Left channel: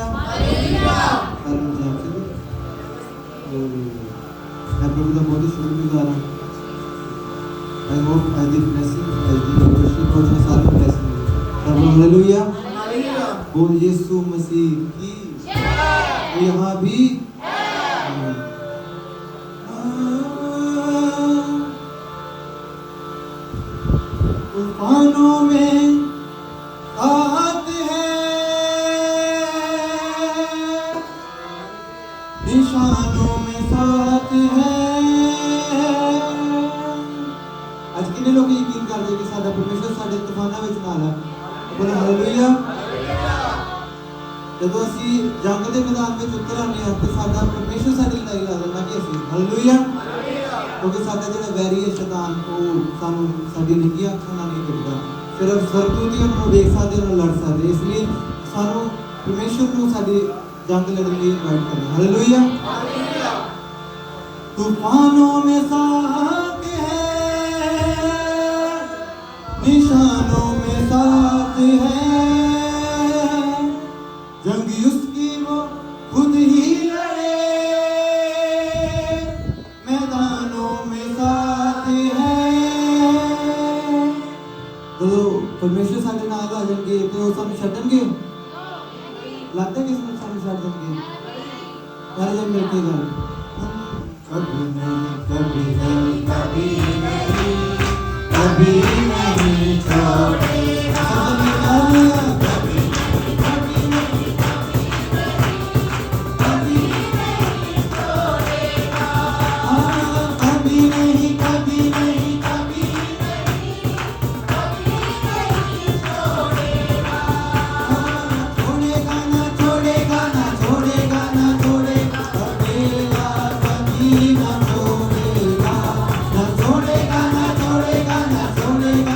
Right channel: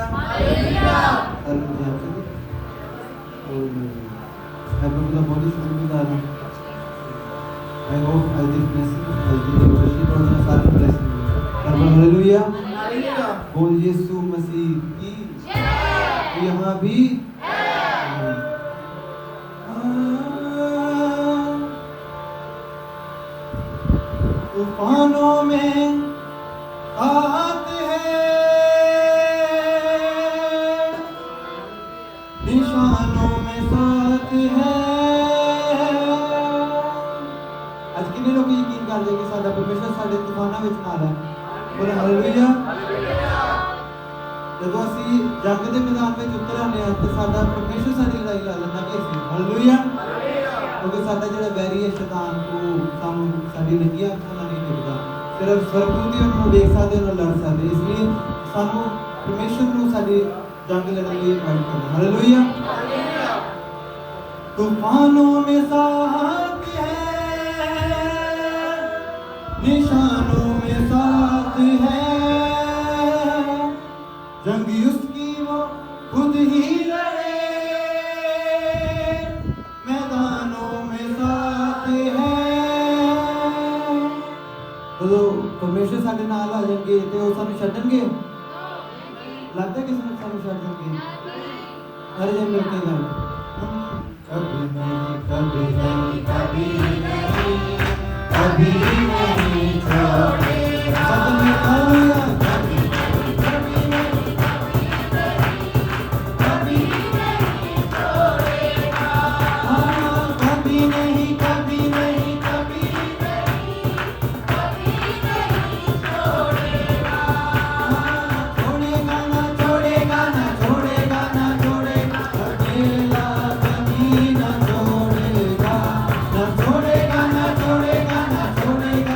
Hallelujah. और मैं प्रभु का बहुत ही शुक्रगुजार हूँ। I hope I did blessing, I did worship और मैं सारे blessing प्रभु हालेलुया। बोल यीशु मसीह की जय। यहाँ भी तूफानों में साथ है, निशानों में साथ है। आज कितने लोग यकीन कर रहे कि साडा परमेश्वर साडे तूफानां विच नाल है। बोल हालेलुया। जदों असीं जंग दे मैदान में उतर आने हैं तो साडा परमेश्वर साडी लड़ाई लड़ लैंदा कि असीं हालेलुया। क्योंकि साडा जिहड़ा वैरी है शैतान वो सानूं साडी निक्कियां अखां नाल नहीं दिखदा। सिर्फ स्वर्गदूत ही उन्होंने देख सकते, उन्होंने लड़ सकते। इसलिए सानू परमेश्वर को साडी जंग लड़ने की इनवाइट करना। हालेलुया। तूफानों में साथ है, निशानों में साथ है, जंग उसकी वो खुद ही लड़े, मैदानों में साथ है। तो परमेश्वर साडे नाल आ जाएंगे तो वो सानू छड्डणगे? लगता है कि सानू छड्ड देंगे? सारे जन मिलके गल कभी नहीं कभी नहीं कभी नहीं कभी नहीं छोड़ेगा। छोड़ेगा ना छोड़ेगा ना छोड़ेगा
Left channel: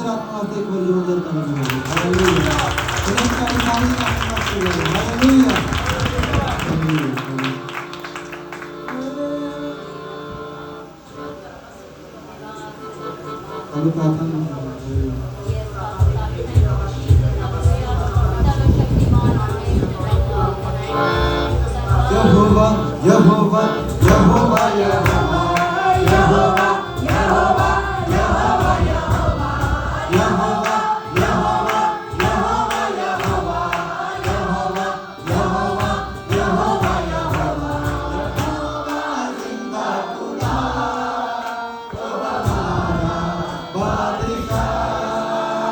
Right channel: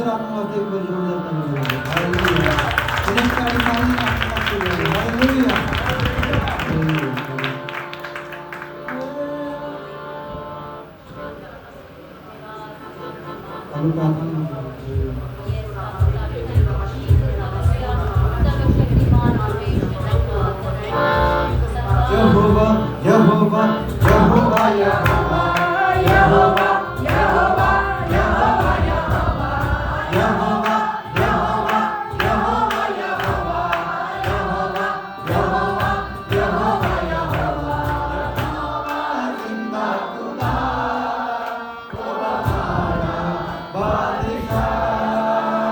पवित्र आत्मा वास्ते एक बार जोरदार ताली बजाओ। हालेलुया। अनेक सारी सारी आत्मा वास्ते हालेलुया। अभी प्रार्थना यहोवा यहोवा यहोवा यहोवा यहोवा यहोवा यहोवा यहोवा यहोवा यहोवा यहोवा यहोवा यहोवा यहोवा यहोवा यहोवा जिंदा खुदा वो हमारा बादशाह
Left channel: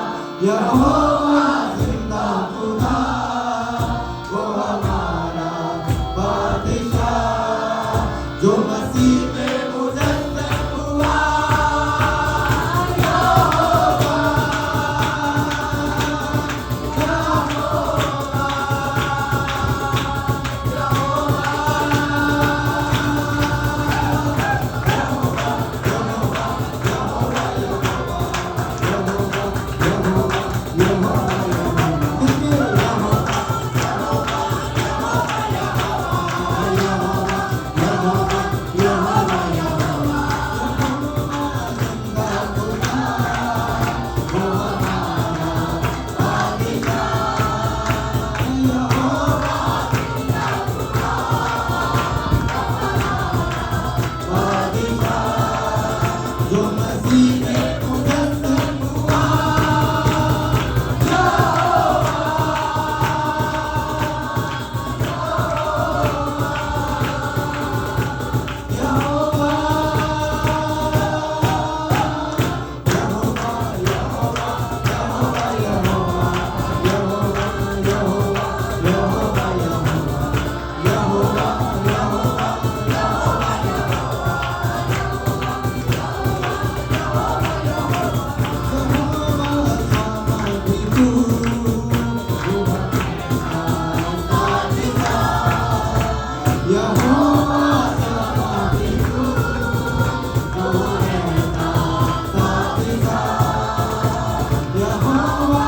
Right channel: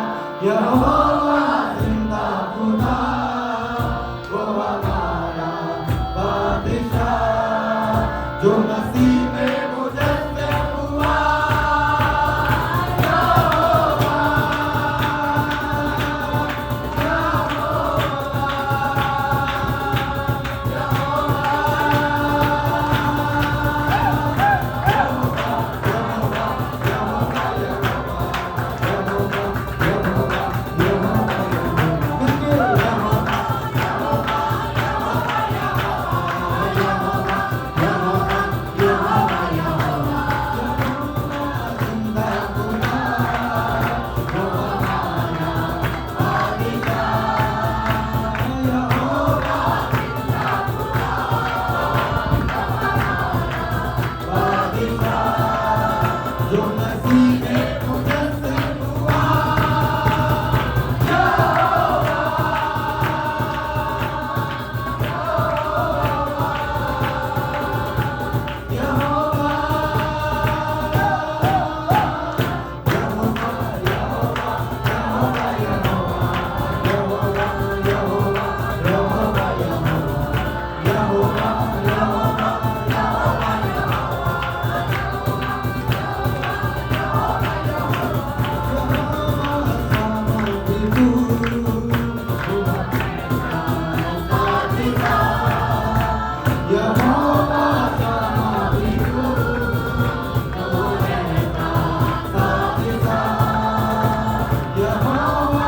यहोवा जिंदा खुदा वो हमारा बादशाह जो मसीह में मुजस्सम हुआ जो मसीह में मुजस्सम हुआ यहोवा यहोवा यहोवा यहोवा यहोवा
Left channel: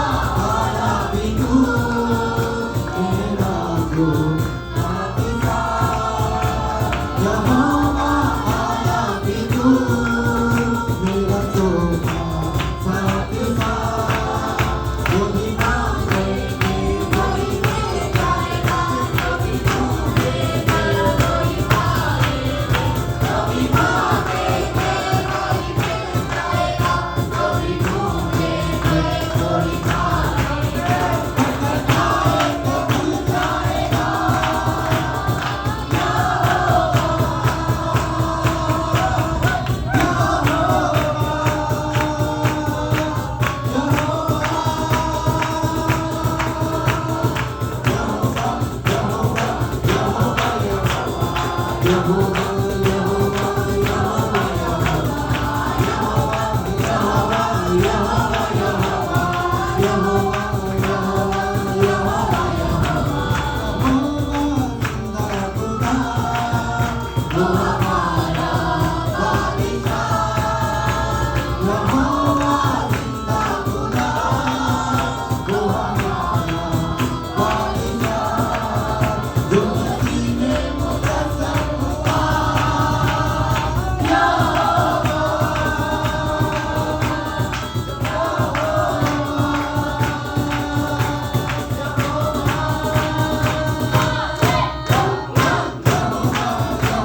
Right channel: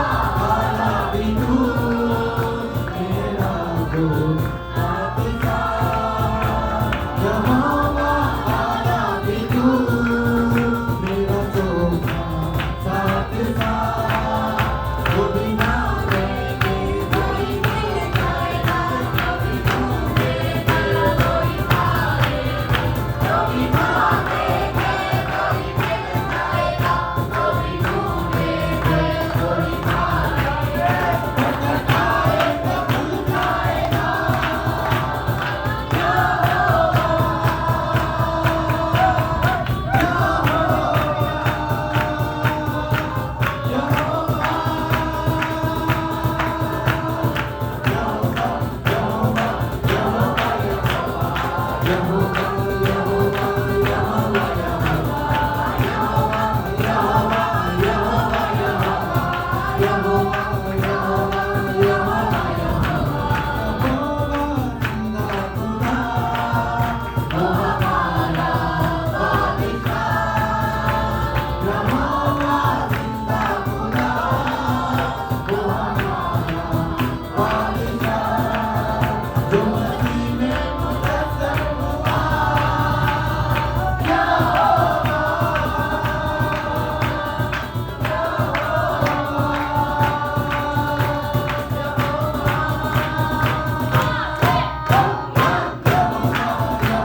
यहोवा यहोवा यहोवा यहोवा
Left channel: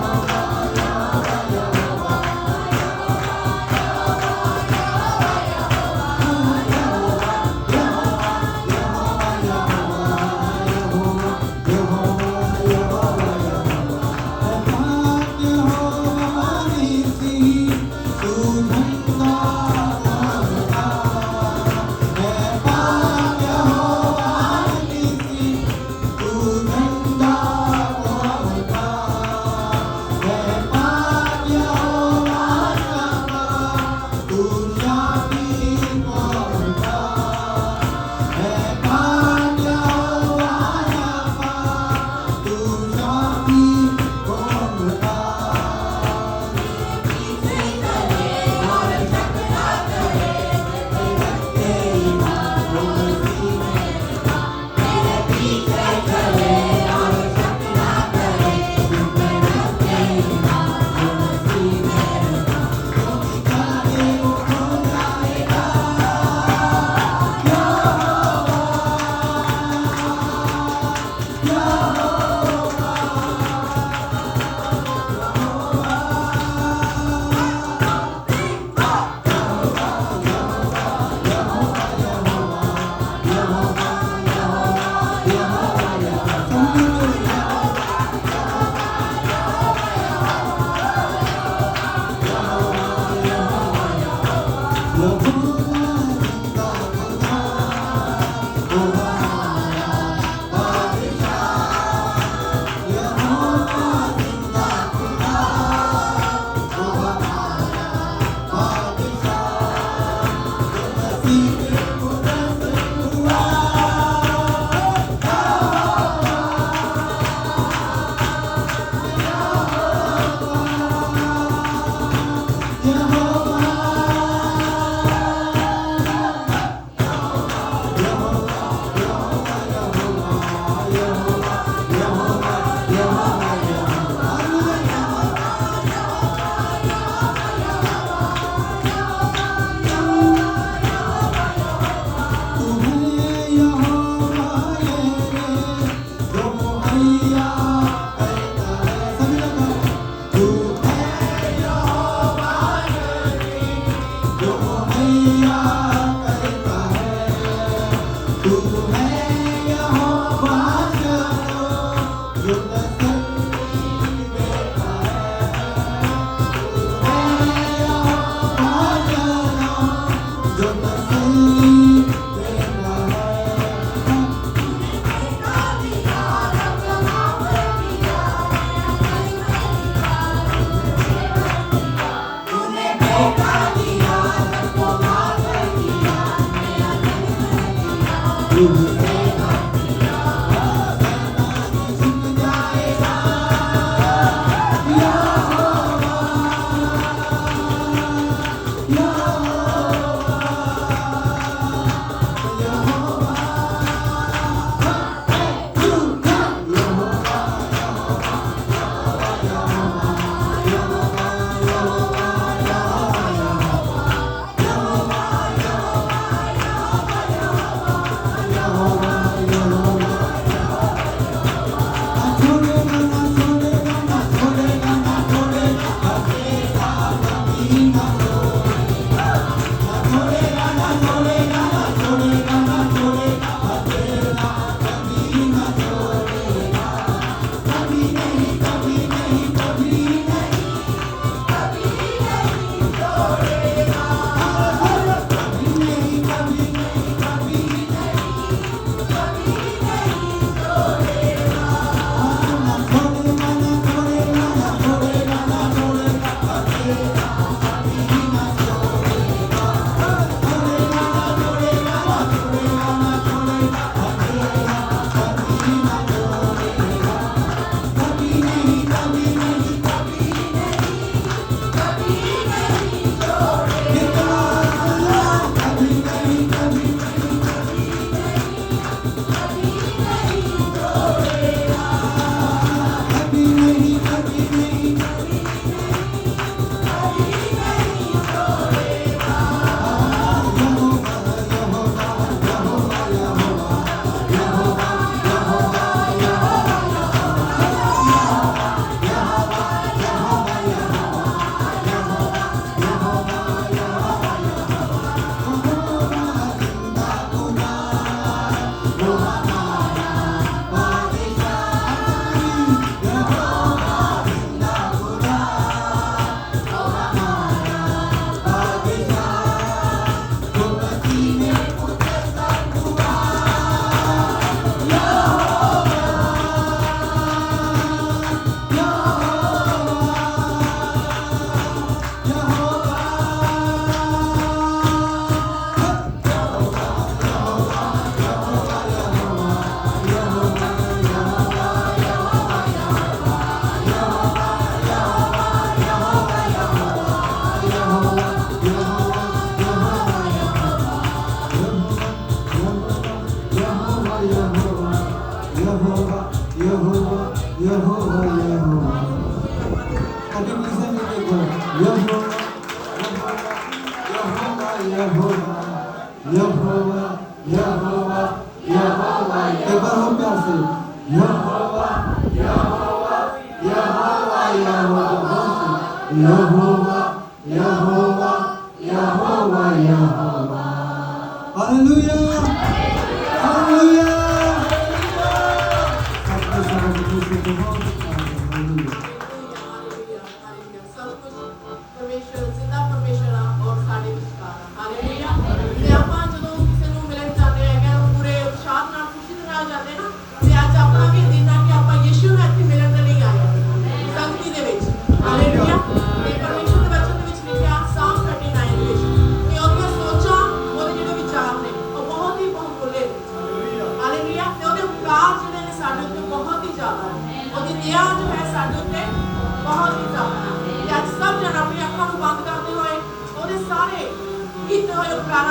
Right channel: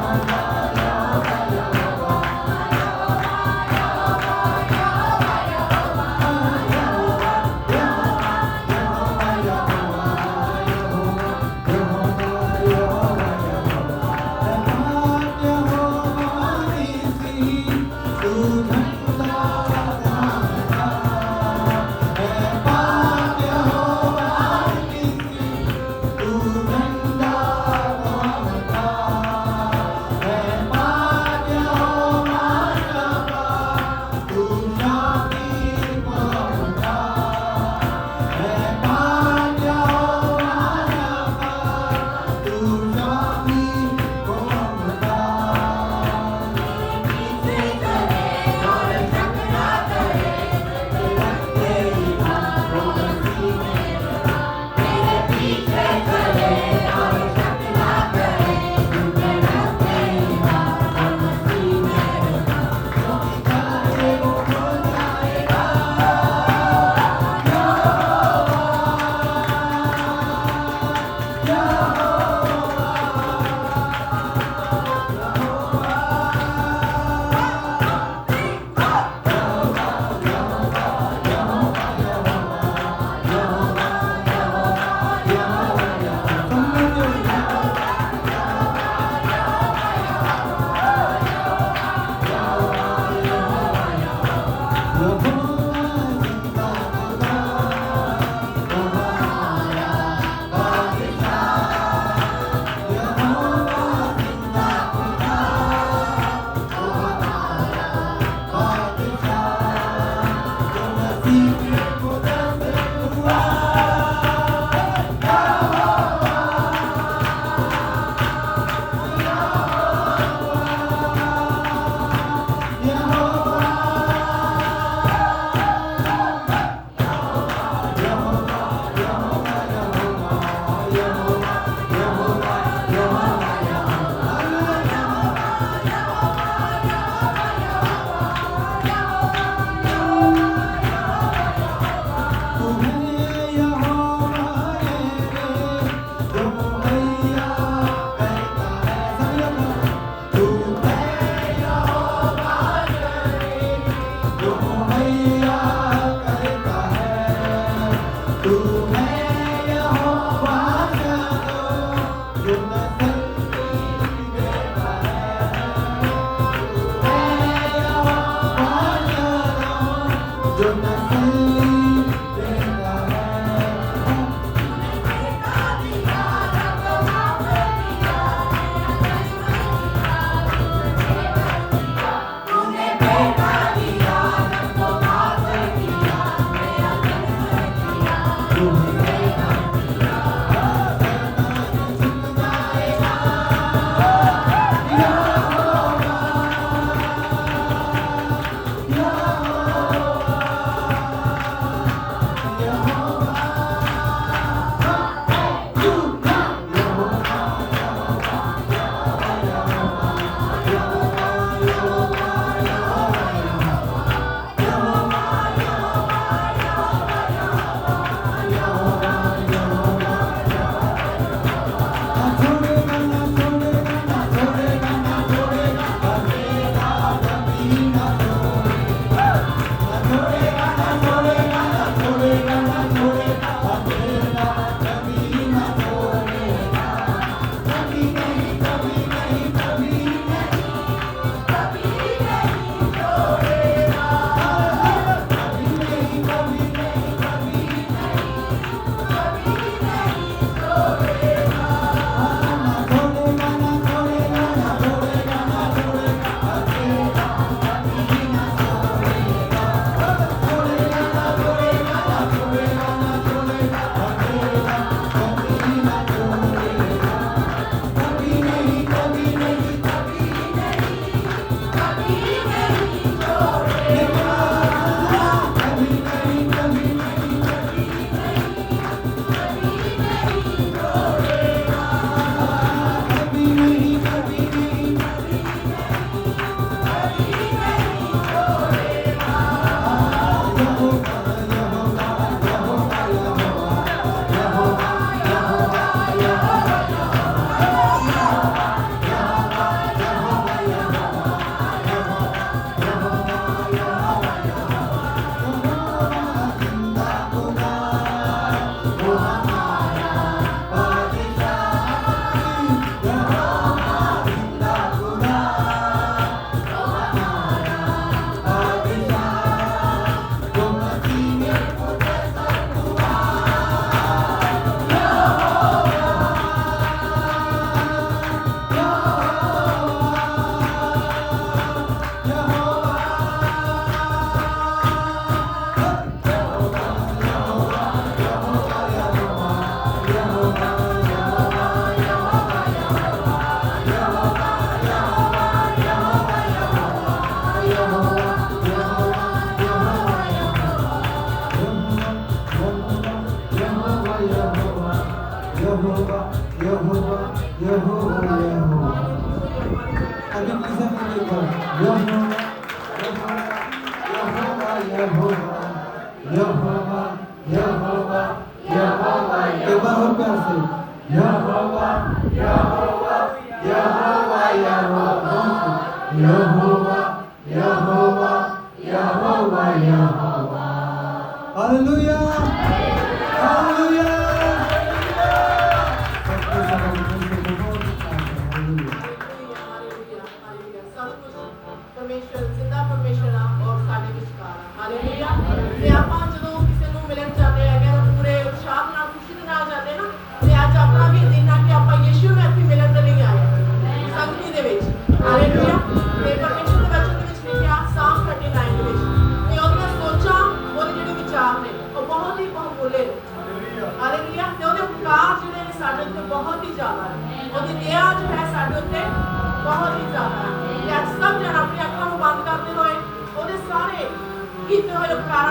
परमेश्वर जिंदा परमेश्वर और साडे विचकार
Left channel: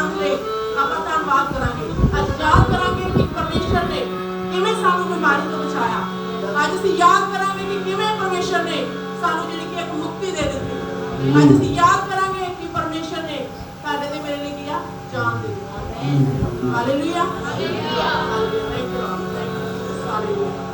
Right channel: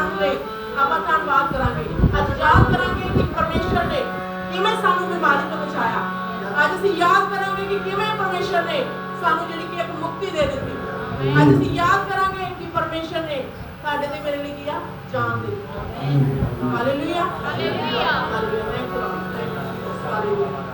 आनंद ले ਆਪਾਂ ਧੰਨਵਾਦ ਕਰਾਂਗੇ ਅੱਜ ਯਾਦ ਕਰਾਂਗੇ ਕਿ ਪਰਮੇਸ਼ਰ ਨੇ ਕਿਵੇਂ ਸਾਨੂੰ ਬਿਮਾਰੀ ਤੋਂ ਬਚਾਇਆ ਅੱਜ ਅਸੀਂ ਯਾਦ ਕਰਾਂਗੇ ਕਿ ਕਿਵੇਂ ਪਰਮੇਸ਼ਰ ਨੇ ਸਾਨੂੰ ਜਿਹੜੀ ਕਿ ਇੱਕ ਮੁਕਤੀ ਦੇ ਦਿੱਤੀ ਅੱਜ ਅਸੀਂ ਯਾਦ ਕਰਾਂਗੇ ਕਿ ਪਰਮੇਸ਼ਰ ਨੇ ਸਾਡੇ ਤੇ ਮੇਰੇ ਲਈ ਕੀ ਆ ਜਾਨ ਦੇ ਦਿੱਤੀ hallelujah hallelujah hallelujah thank you hallelujah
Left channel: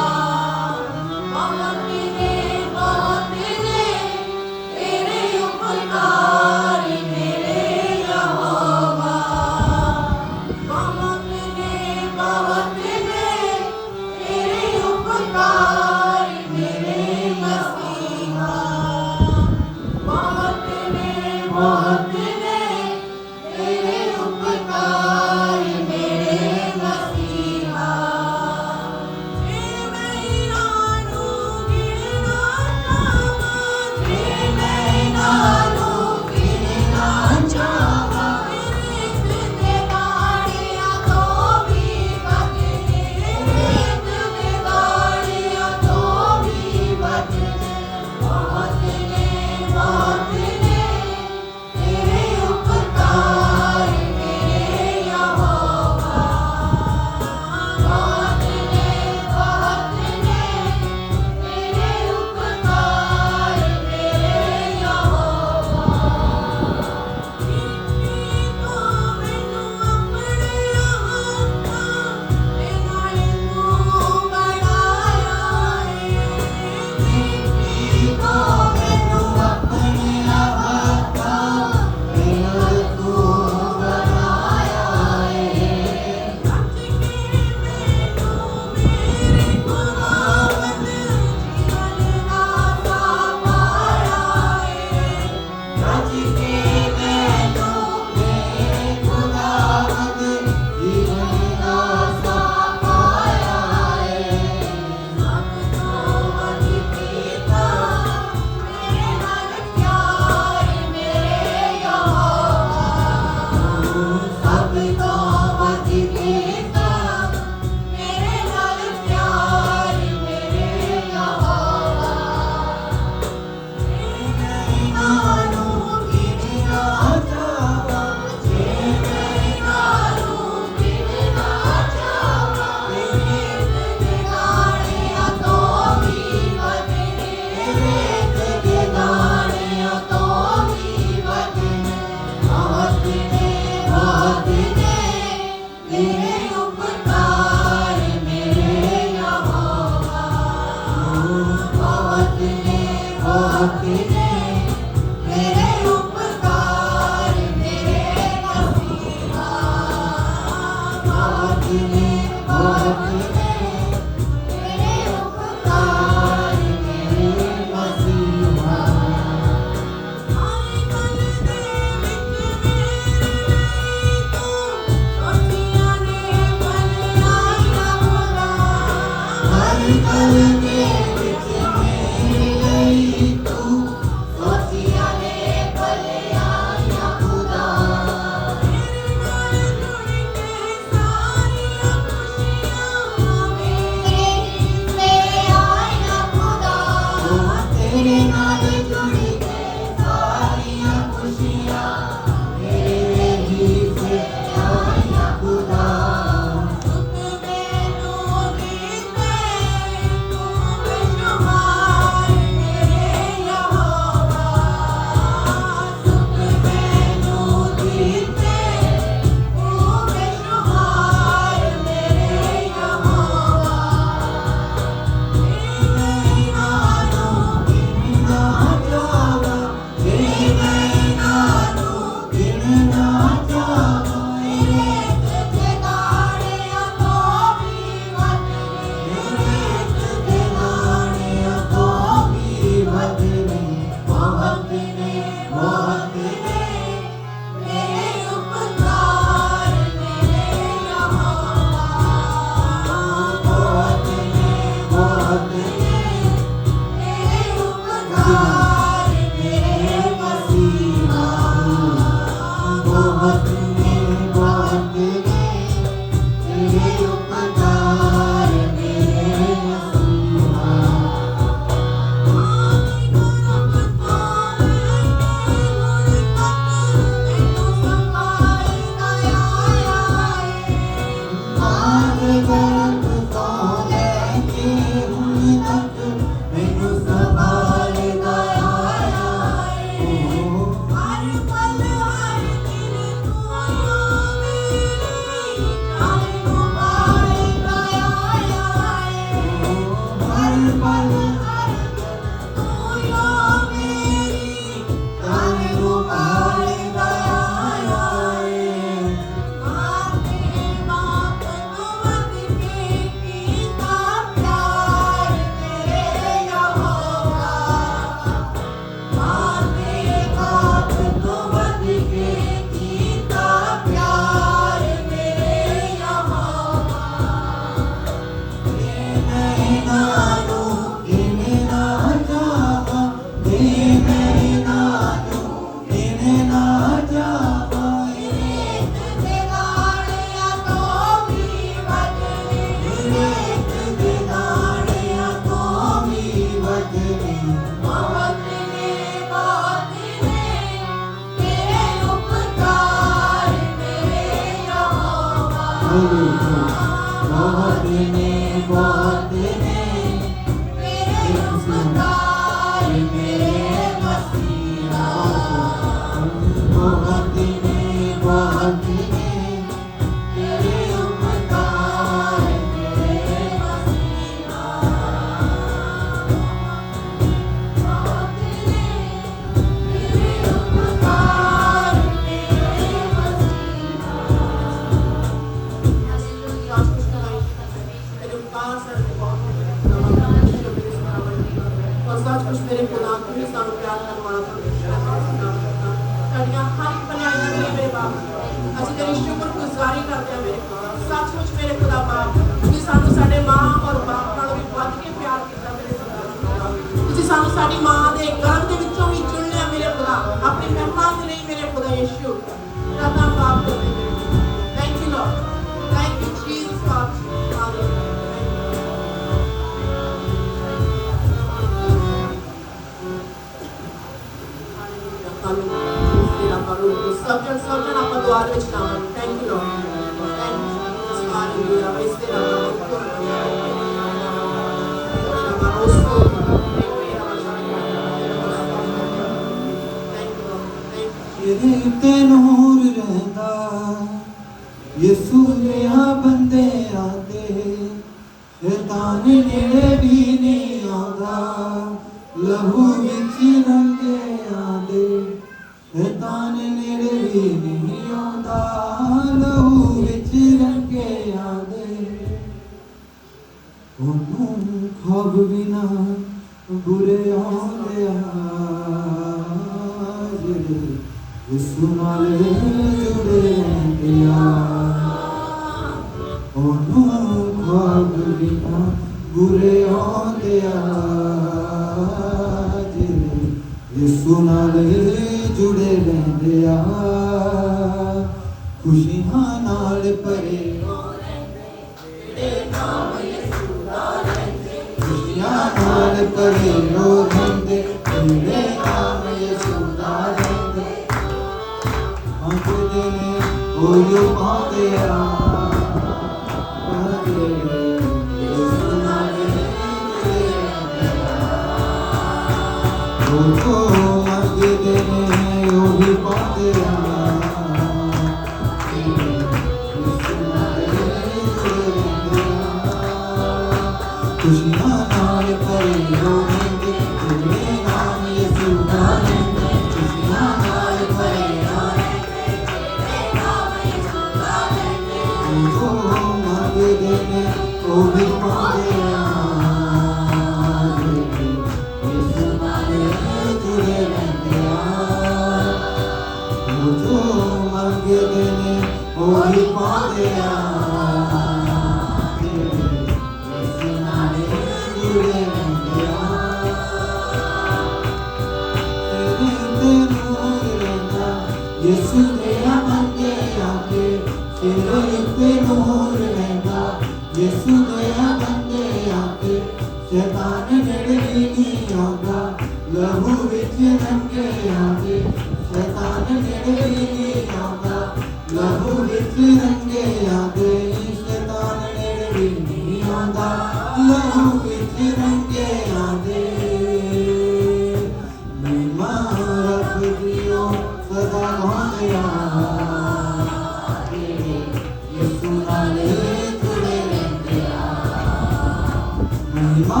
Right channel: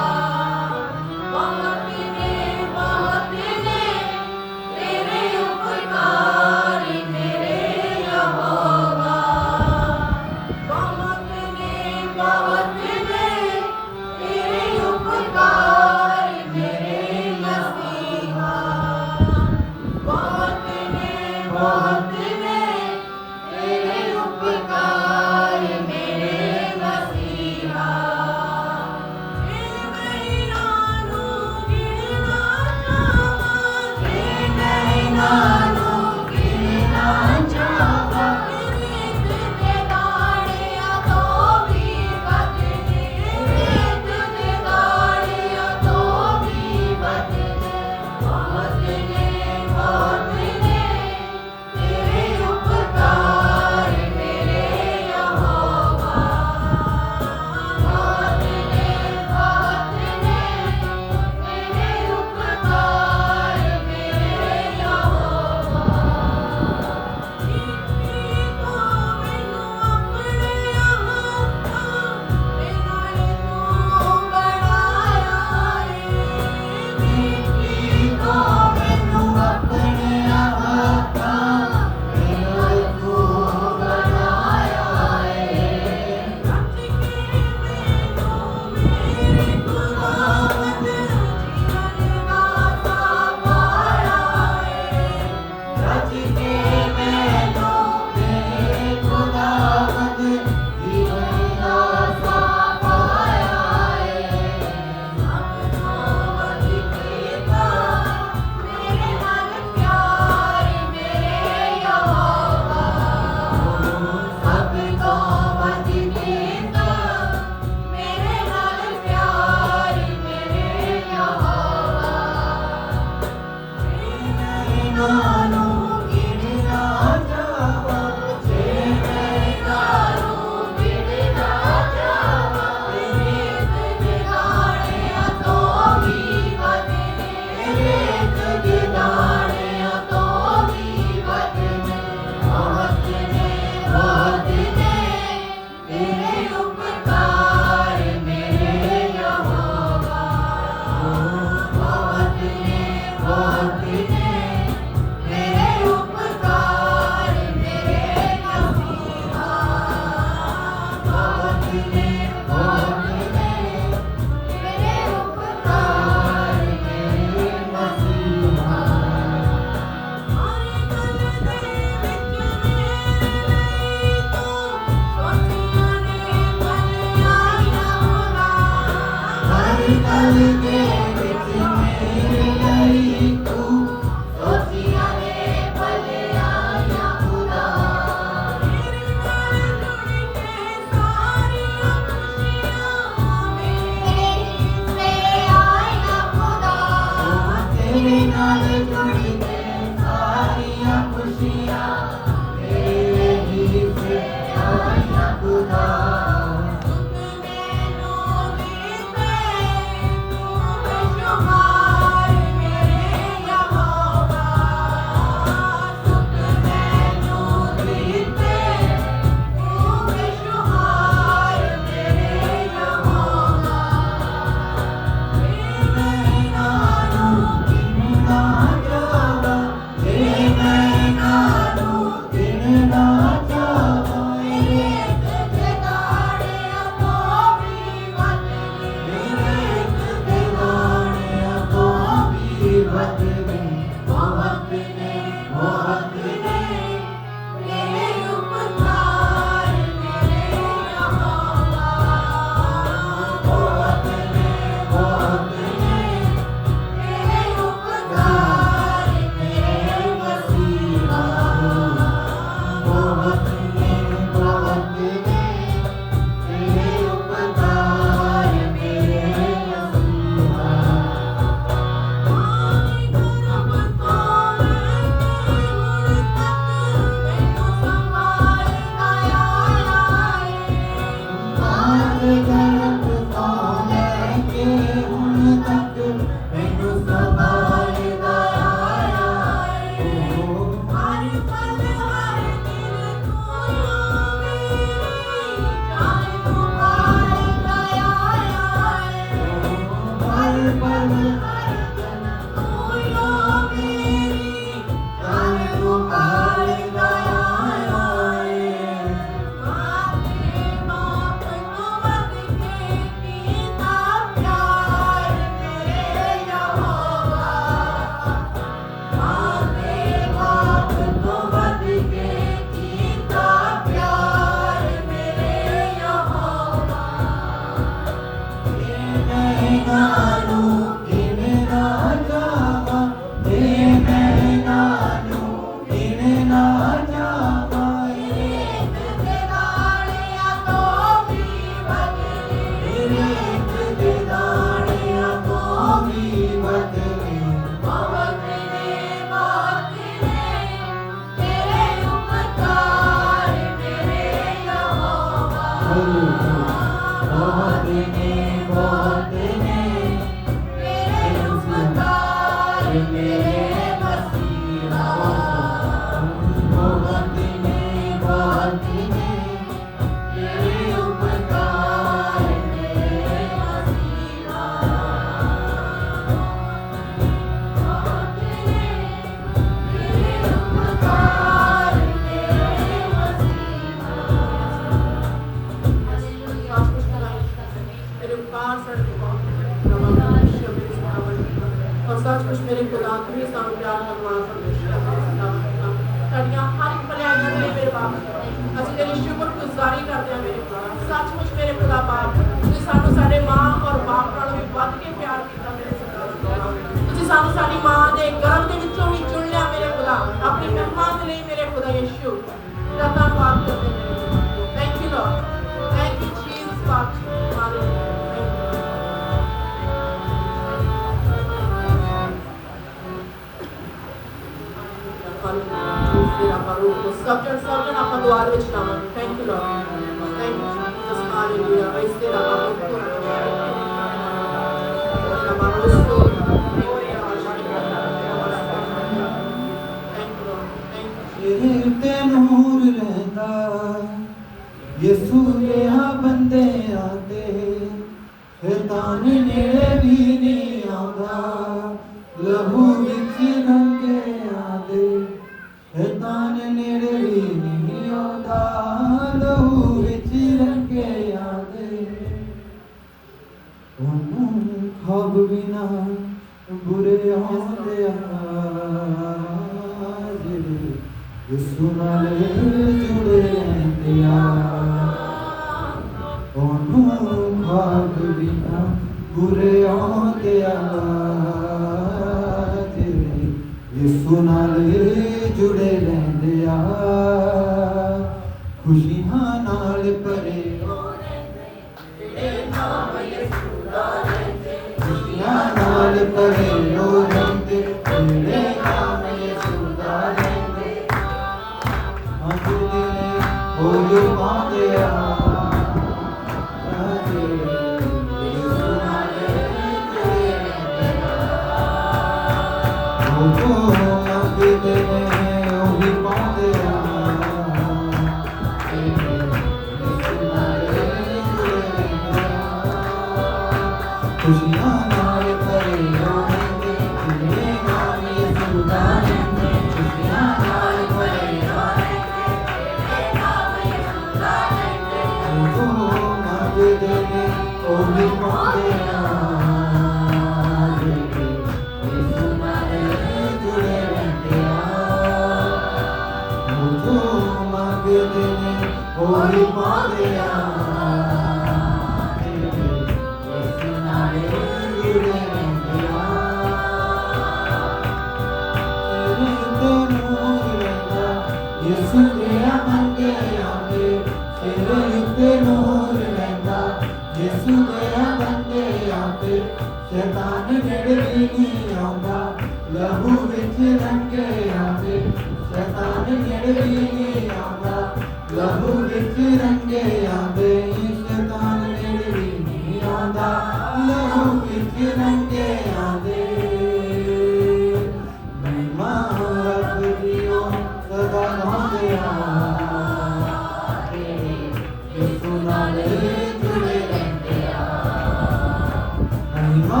महिमा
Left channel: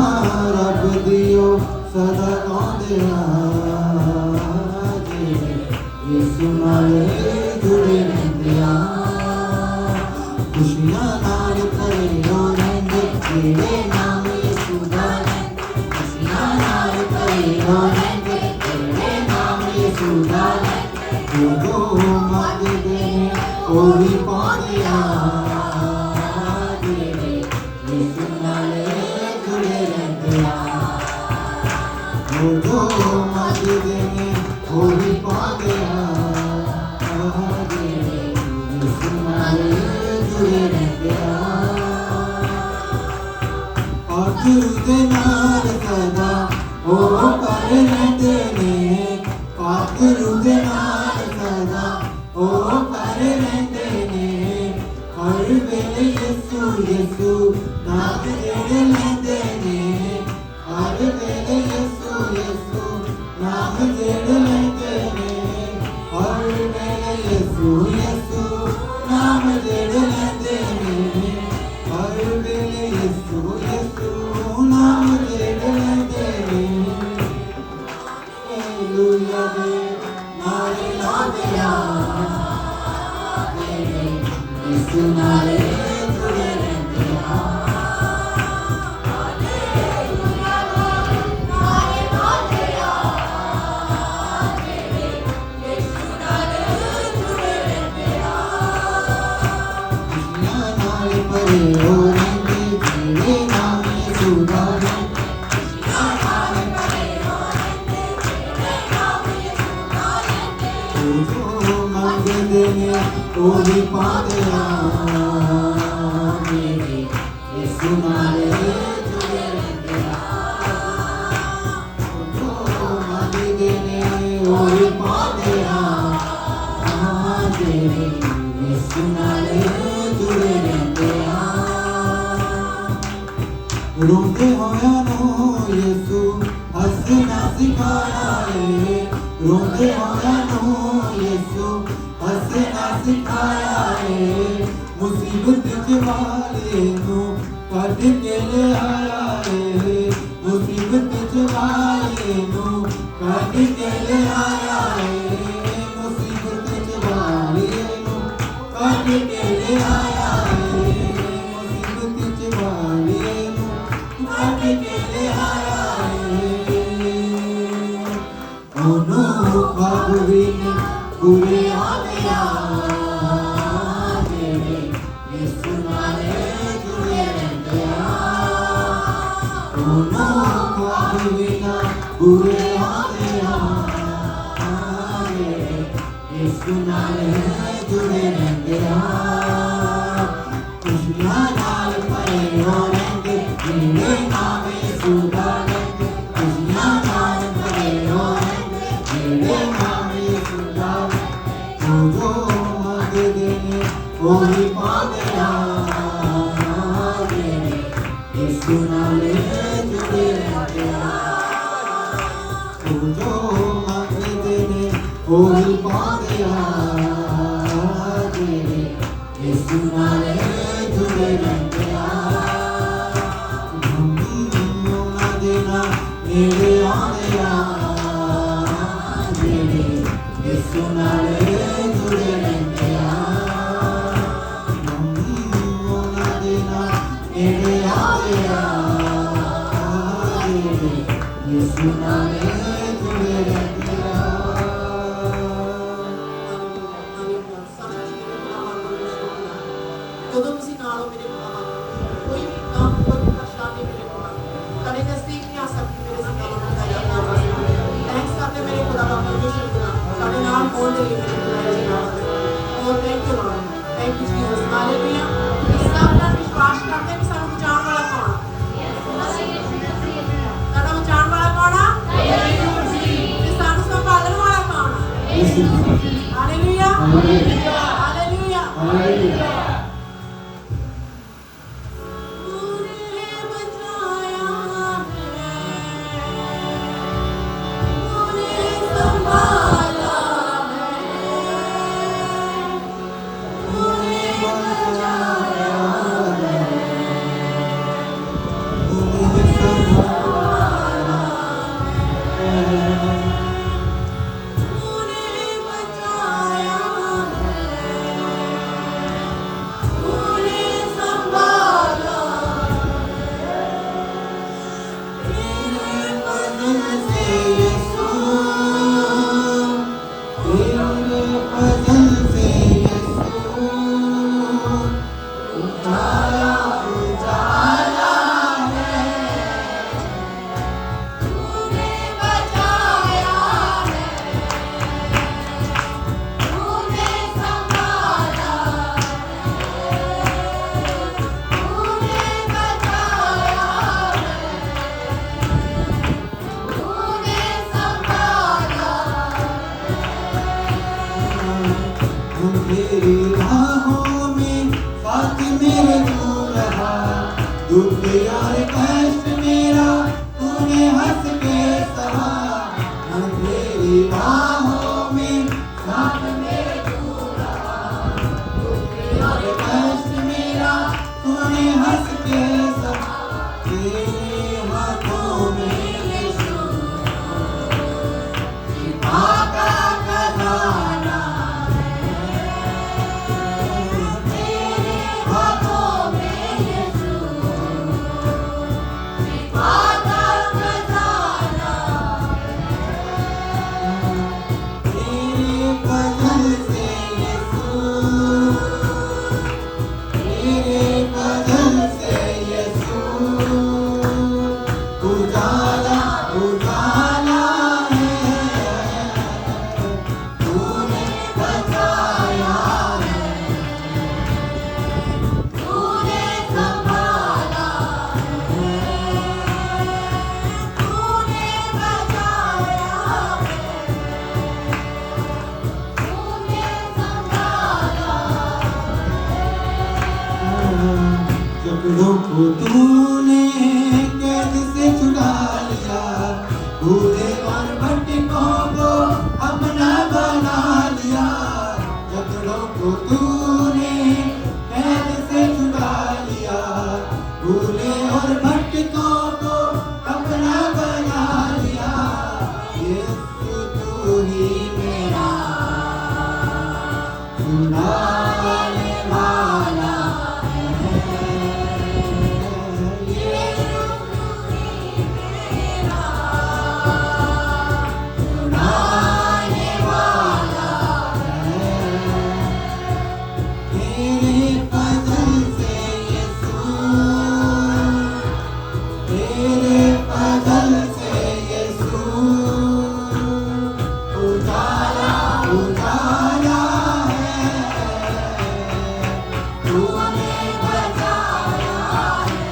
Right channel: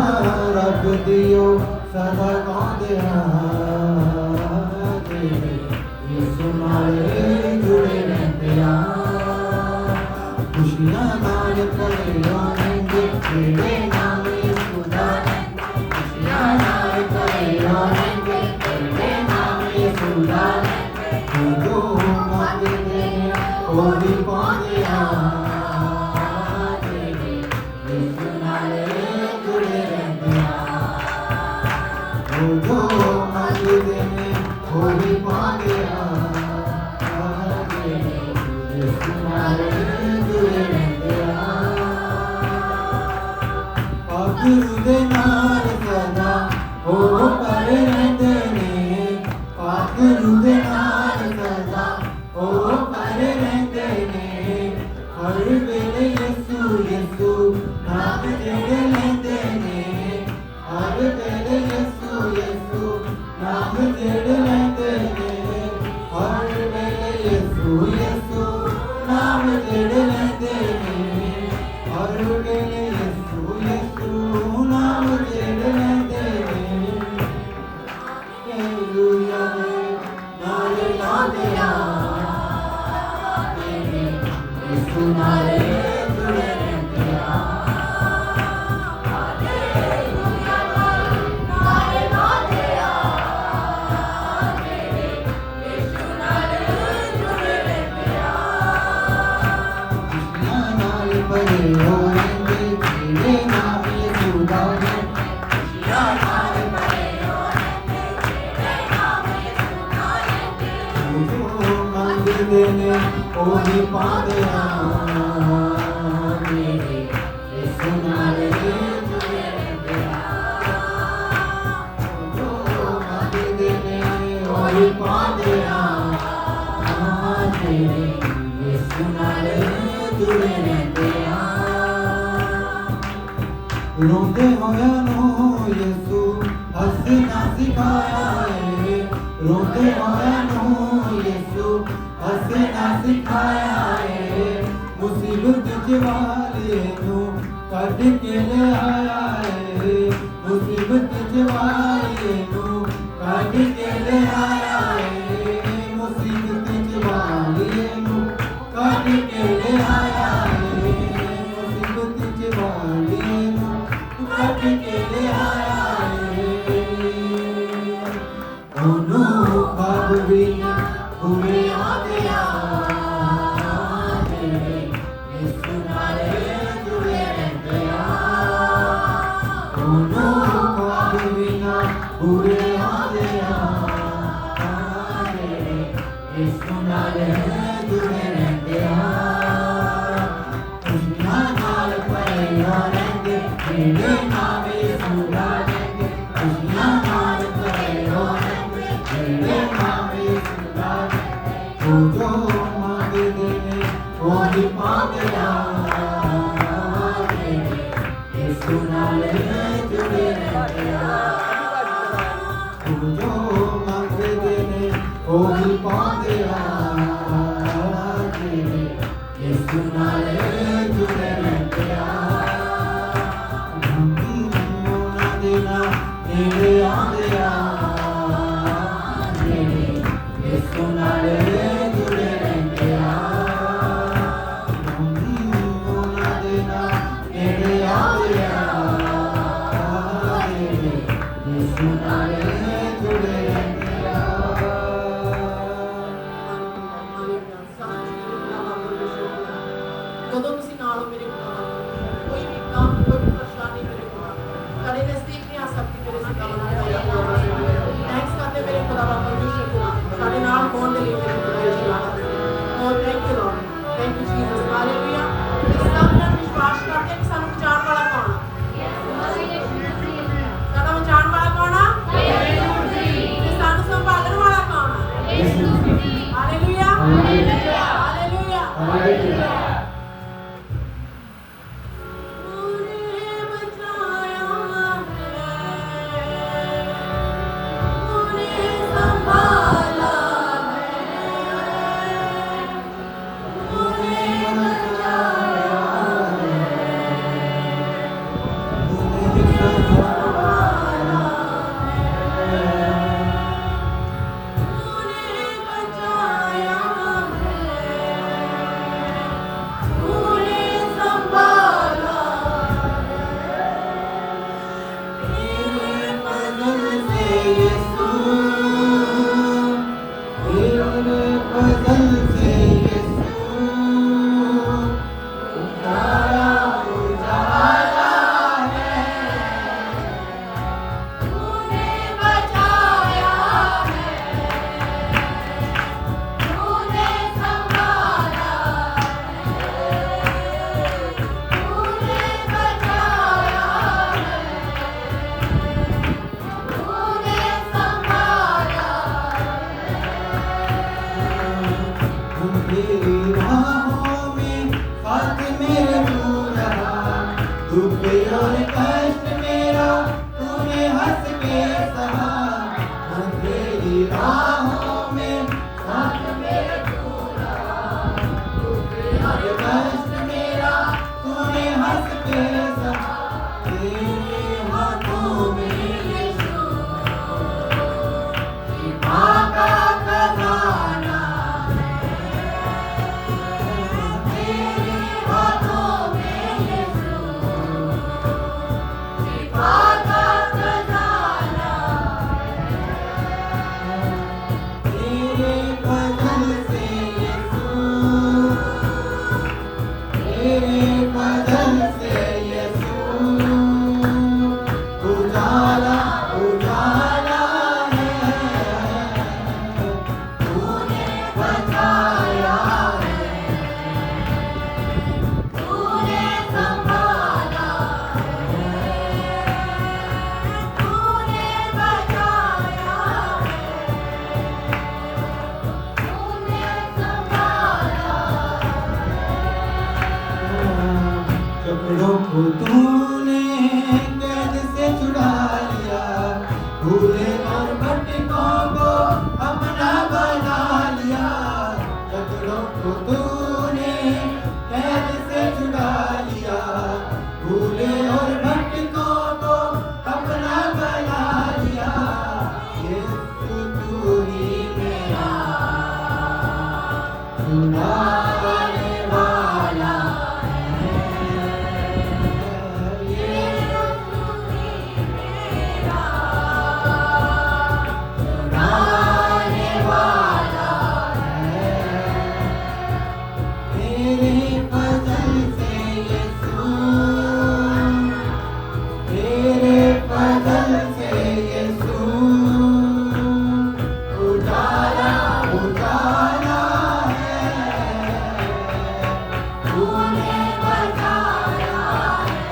रब दियो सदा गाते यीशु नाल जुड़े रहते खुशियां नाल भरे रहेंगे तेरे नाम यीशु दा खुशियां नाल भरे रहेंगे तेरे नाम यीशु दा जो मांगते हैं वो भी पाते यीशु नाल जुड़े रहते जो मांगते हैं वो भी पाते यीशु नाल जुड़े रहते गुरु दे नाल सदा ओ कर रहते ने गुरु दे नाल सदा ओ कर रहते ने हर वेले यीशु यीशु नाम जेड़े लेंदे ने हर वेले यीशु यीशु नाम जेड़े लेंदे ने हर वेले यीशु यीशु नाम जेड़े लेंदे ने हर वेले यीशु यीशु नाम जेड़े लेंदे ने हालेलुया नारे लादे यीशु नारे जुड़े रहते हालेलुया नारे लादे यीशु नारे जुड़े रहते खुशियां नाल भरे रहेंगे तेरे नाम यीशु दा खुशियां नाल भरे रहेंगे तेरे नाम यीशु दा जो मंगते ने ओ भी पाते यीशु नाल जुड़े रहते जो मंगते ने ओ भी पाते यीशु नाल जुड़े रहते रोंदे होया नो यीशु हंसना सिखाया है रोंदे होया नो यीशु हंसना सिखाया है मुसीबत के वाले नो कद के ले आया है मुसीबत के वाले नो कद के ले आया है मुसीबत के वाले नो कद के ले आया है मुसीबत के वाले नो कद के ले आया है ओनो बाबरी पूरे आते यीशु नाल जुड़े रहते ओनो बाबरी पूरे आते यीशु नाल जुड़े रहते खुशियां नाल भरे रहेंगे तेरे नाम यीशु दा खुशियां नाल भरे रहेंगे तेरे नाम यीशु दा जो मांगते ने वो भी पाते यीशु नाल जुड़े रहते जो मांगते ने वो भी पाते यीशु नाल जुड़े रहते देना नेड़े आंदे यीशु नाल जुड़े रहते देना नेड़े आंदे यीशु नाल जुड़े रहते ਜਦੋਂ ਤੁਸੀਂ ਨਾਲ ਹੋ ਮੇਰੇ ਕੋਲ ਕੋਈ ਵੀ ਕੰਮ ਕੋਈ ਵੀ ਪਰੇਸ਼ਾਨੀ ਮੇਰੇ ਕੋਲ ਕਦੇ ਨਜ਼ਦੀਕ ਨਹੀਂ ਆ ਸਕਦੀ ਮੇਰੇ ਸਿੱਧਾ ਮਨ ਥੈਂਕਸ ਕਰਦੇ ਮੇਰੇ ਖੁਦਾਵਾ ਪਰਮੇਸ਼ਰ को ਸਾਡੇ ਨਾਲ ਹੋਣ ਦੇ ਲਈ ਮੇਰੇ thank you Lord thank you Jesus hallelujah ਇਸ ਸਭ ਦਾ ਵਿਸ਼ਵਾਸ ਕਰਦੇ ਕਿ ਸਾਨੂੰ ਬਚਾਉਣ ਵਾਲਾ ਕੌਣ ਸਾਡਾ ਬਚਾਉਣ ਵਾਲਾ ਕੌਣ ਆ ਤੇ ਸਾਨੂੰ ਸੰਭਾਲਣ ਵਾਲਾ ਕੌਣ ਹਾਲੇਲੂਇਆ ਹਾਲੇਲੂਇਆ ਹਾਲੇਲੂਇਆ संभाला तेरी राहों में साथ मेरे तू रहा, दुख और कष्ट मेरा तूने हंस के सहा। मैं तेरी राहों में साथ मेरे तू रहा, दुख और कष्ट मेरा तूने हंस के सहा। तेरे हाथों में यीशु शिफा का खजाना है, तेरे हाथों में यीशु शिफा का खजाना है। तेरे बदन से यीशु, तेरे बदन से यीशु उजाला उजाला है, तूने बचाया है, तूने संभाला है, तूने बचाया है, तूने संभाला है। कपड़ों को तूने कैद से छुड़ा लिया, भूले और भटकों को अपना बना लिया। कपड़ों को तूने कैद से छुड़ा लिया, भूले और भटकों को अपना बना लिया। यीशु तू ही मेरा छुड़ाने वाला है, यीशु तू ही मेरा छुड़ाने वाला है। तेरे बदन से यीशु, तेरे बदन से यीशु उजाला उजाला है, तूने बचाया है,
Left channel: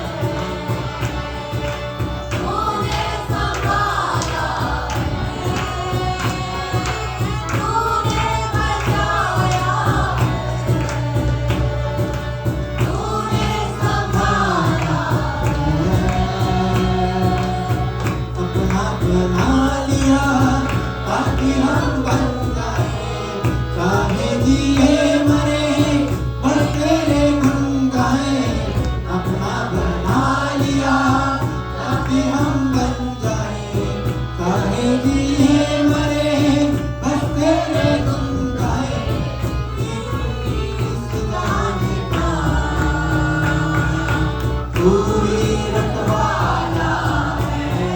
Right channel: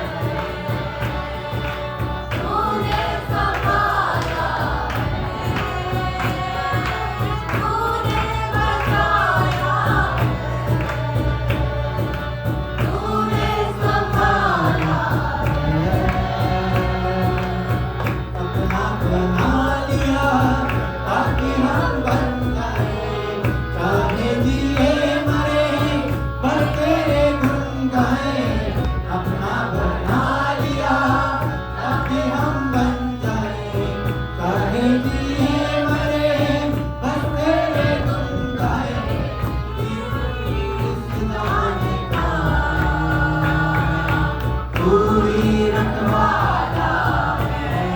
तूने संभाला है, तूने बचाया है, तूने संभाला है। अपना बना लिया ताकि हम बन जाए, चाहे जिए मरे बस तेरे गुण गाए। अपना बना लिया ताकि हम बन जाए, चाहे जिए मरे बस तेरे गुण गाए। इस जाने का तू ही रखवाला है,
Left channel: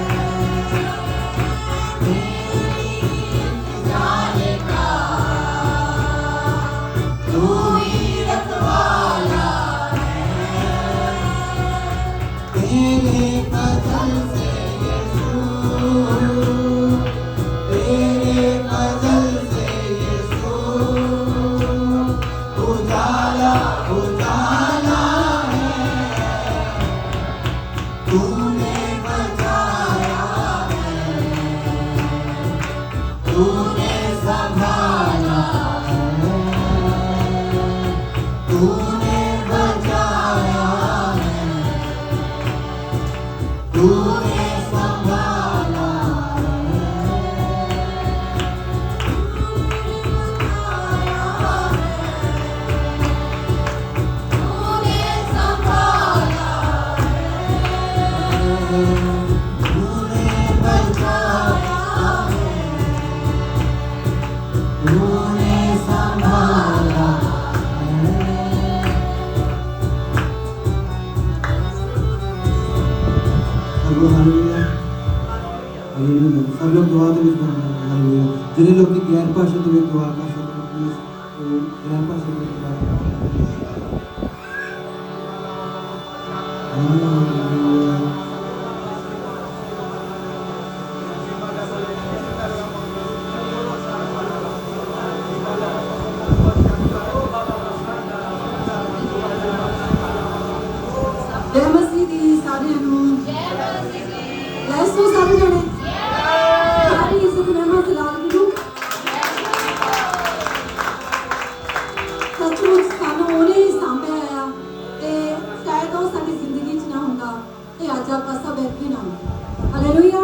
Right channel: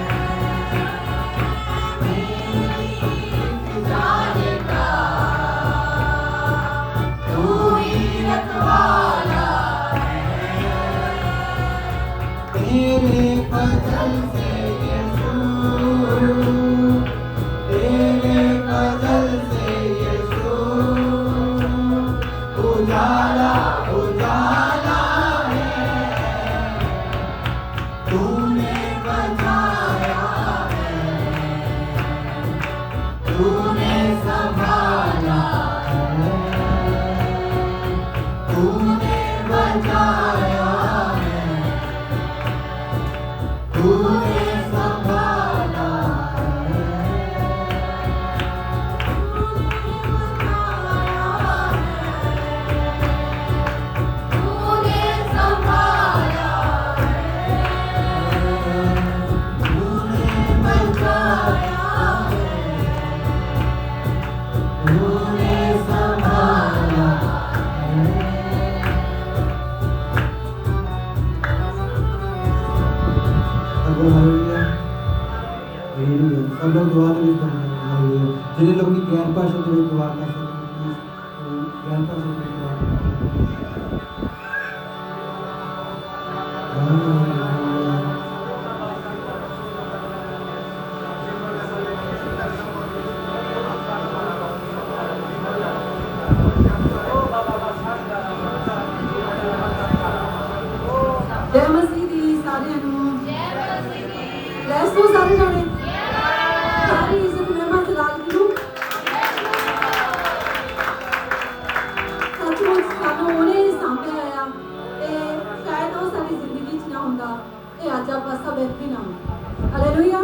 इस जाने का तू ही रखवाला है। तेरे बदन से यीशु, तेरे बदन से यीशु उजाला उजाला है, तूने बचाया है, तूने संभाला है, तूने बचाया है, तूने संभाला है, तूने संभाला है, तूने बचाया है, तूने संभाला है। Hallelujah hallelujah. सब लोग दुआ तो इस हालेलुया। जिन लोग की गैर भाषा तो दुआ कर सकते हैं प्लीज, तो गैर भाषा में दुआ करें। हालेलुया। जय मसीह दी सारिਆਂ ਨੂੰ ਯੈਸ ਤੋਂ ਸਾਰੇ ਜਣੇ ਸਾਰੀ ਇੱਜ਼ਤ ਨਿਮਤ ਲਾਲ ਨੂੰ ਹਾਲੇਲੂਇਆ।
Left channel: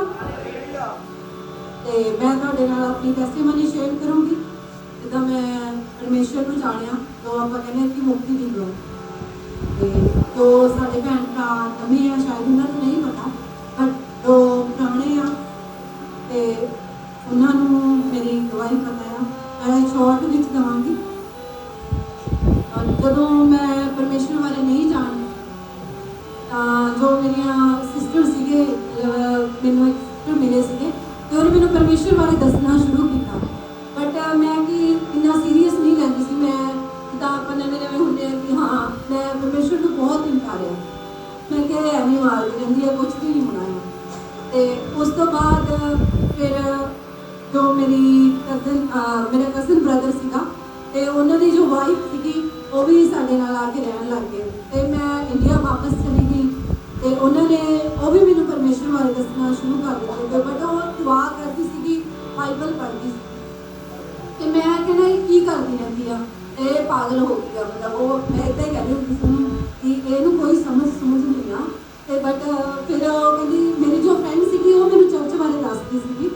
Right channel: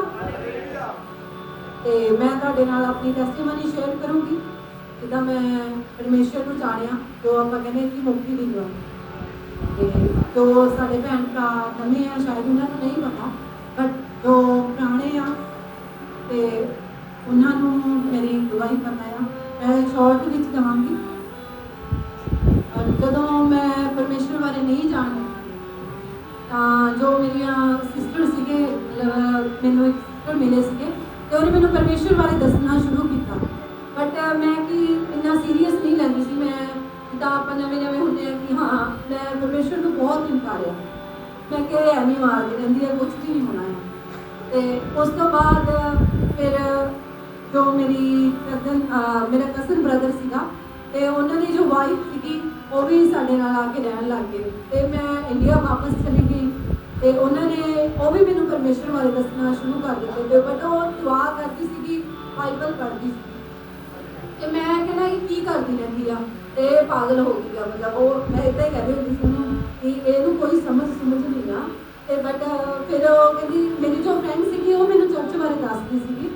ਤੇ ਮੈਂ ਤੁਹਾਡੇ ਨਾਲ ਆਪਣੀ ਟੈਸਟੀਮਨੀ ਸ਼ੇਅਰ ਕਰੂੰਗੀ ਜਿੱਦਾਂ ਮੈਂ ਪਰਮੇਸ਼ਰ ਨੂੰ ਜਾਣਿਆ, ਜੋ ਆਪਾਂ ਕਹਿੰਦੇ ਹਾਂ ਕਿ ਮੁਕਤੀ ਦਿੰਦਾ। ਤੇ ਜੋ ਸਾਡੇ ਭੈਣ ਭਰਾ ਨਵੇਂ ਆ ਸ਼ਾਇਦ ਉਹਨਾਂ ਨੂੰ ਨਹੀਂ ਪਤਾ, ਪਰ ਜੋ ਪੁਰਾਣੇ ਆ ਤੇ ਉਹਨਾਂ ਨੂੰ ਮੇਰੀ ਗਵਾਹੀ ਪਤਾ ਆ। ਮੈਂ ਸ਼ਾਰਟ ਵਿੱਚ ਦਵਾਂਗੀ। ਜਦੋਂ ਮੈਂ ਪਰਮੇਸ਼ਰ ਬਾਰੇ ਨਹੀਂ ਜਾਣਦੀ ਤਾਂ ਜੋ ਮੇਰੀਆਂ ਸਿਸਟਰ ਸੀਗੇ, ਮੈਨੂੰ ਇੱਕ ਸਿਸਟਰ ਮਿਲੇ ਸੀਗੇ ਤੇ ਉਹਨੇ ਮੈਨੂੰ ਪਰਮੇਸ਼ਰ ਬਾਰੇ ਦੱਸਣਾ ਸ਼ੁਰੂ ਕੀਤਾ। ਬਟ ਮੈਂ ਕਿ ਇੰਨਾ ਸੀਰੀਅਸ ਨਹੀਂ ਲੈਂਦੀ ਸੀ। ਮੈਂ ਜਿੱਦਾਂ ਆਪਾਂ ਨਵੇਂ ਹੁੰਦੇ ਆ ਕਿ ਹਾਂ ਮੈਂ ਪਰਮੇਸ਼ਰ ਨੂੰ ਬਹੁਤ ਇਨਕਾਰਿਆ, ਮੈਂ ਕਿਹਾ ਇਹ ਨਹੀਂ ਮਾਰਦੀ ਰਹਿੰਦੀ ਹੈ, ਕੁਛ ਵੀ ਨਹੀਂ ਹੋਣਾ ਹੈ। ਤੇ ਉਸ ਤੋਂ ਬਾਅਦ ਫਿਰ ਜੋ ਮੇਰਾ ਕਜ਼ਨ ਬ੍ਰਦਰ ਸੀਗਾ ਤੇ ਉਹਨਾਂ ਦੀ ਜੋ ਵਾਈਫ ਸੀਗੀ ਉਹ ਵੀ ਸਾਡੇ ਨਾਲ ਆ ਕੇ ਰਹਿਣ ਲੱਗ ਗਏ ਤੇ ਮੈਂ ਇੰਡੀਆ ਵਾਪਸ ਚਲੀ ਗਈ ਤੇ ਉਹਨਾਂ ਨੇ ਉਹ ਵੀ ਮੈਨੂੰ ਪਰਮੇਸ਼ਰ ਬਾਰੇ ਦੱਸਣਾ ਸ਼ੁਰੂ ਕਰ ਦਿੱਤੇ। ਤੇ ਬਟ ਉਹ ਦੁਆ ਕਰਦੀ ਸੀਗੀ, ਬਾਈਬਲ ਪੜ੍ਹਦੀ ਸੀ ਤੇ ਮੈਂ ਕਹਿੰਦਾ ਇਹ ਕੀ ਕਰਦੀ ਰਹਿੰਦੀ ਆ, ਇਹ ਪਾਗਲ ਹੋ ਗਈ ਆ। ਮਤਲਬ ਉਹ ਮੈਂ ਇੱਦਾਂ ਹੀ ਕਹਿੰਦੀ ਹੁੰਦੀ ਸੀ ਕਿ ਇਹਨੂੰ ਕੋਈ ਸਮਝ ਨਹੀਂ ਆ। ਤੇ ਬਟ ਫਿਰ ਉਹ ਕਹਿੰਦੀ, ਮੇਰੀ ਜੋ ਫਰੈਂਡ ਸੀਗੀ ਉਹ ਮੈਨੂੰ ਚਰਚ ਬਾਰੇ ਦੱਸਦੀ ਸੀਗੀ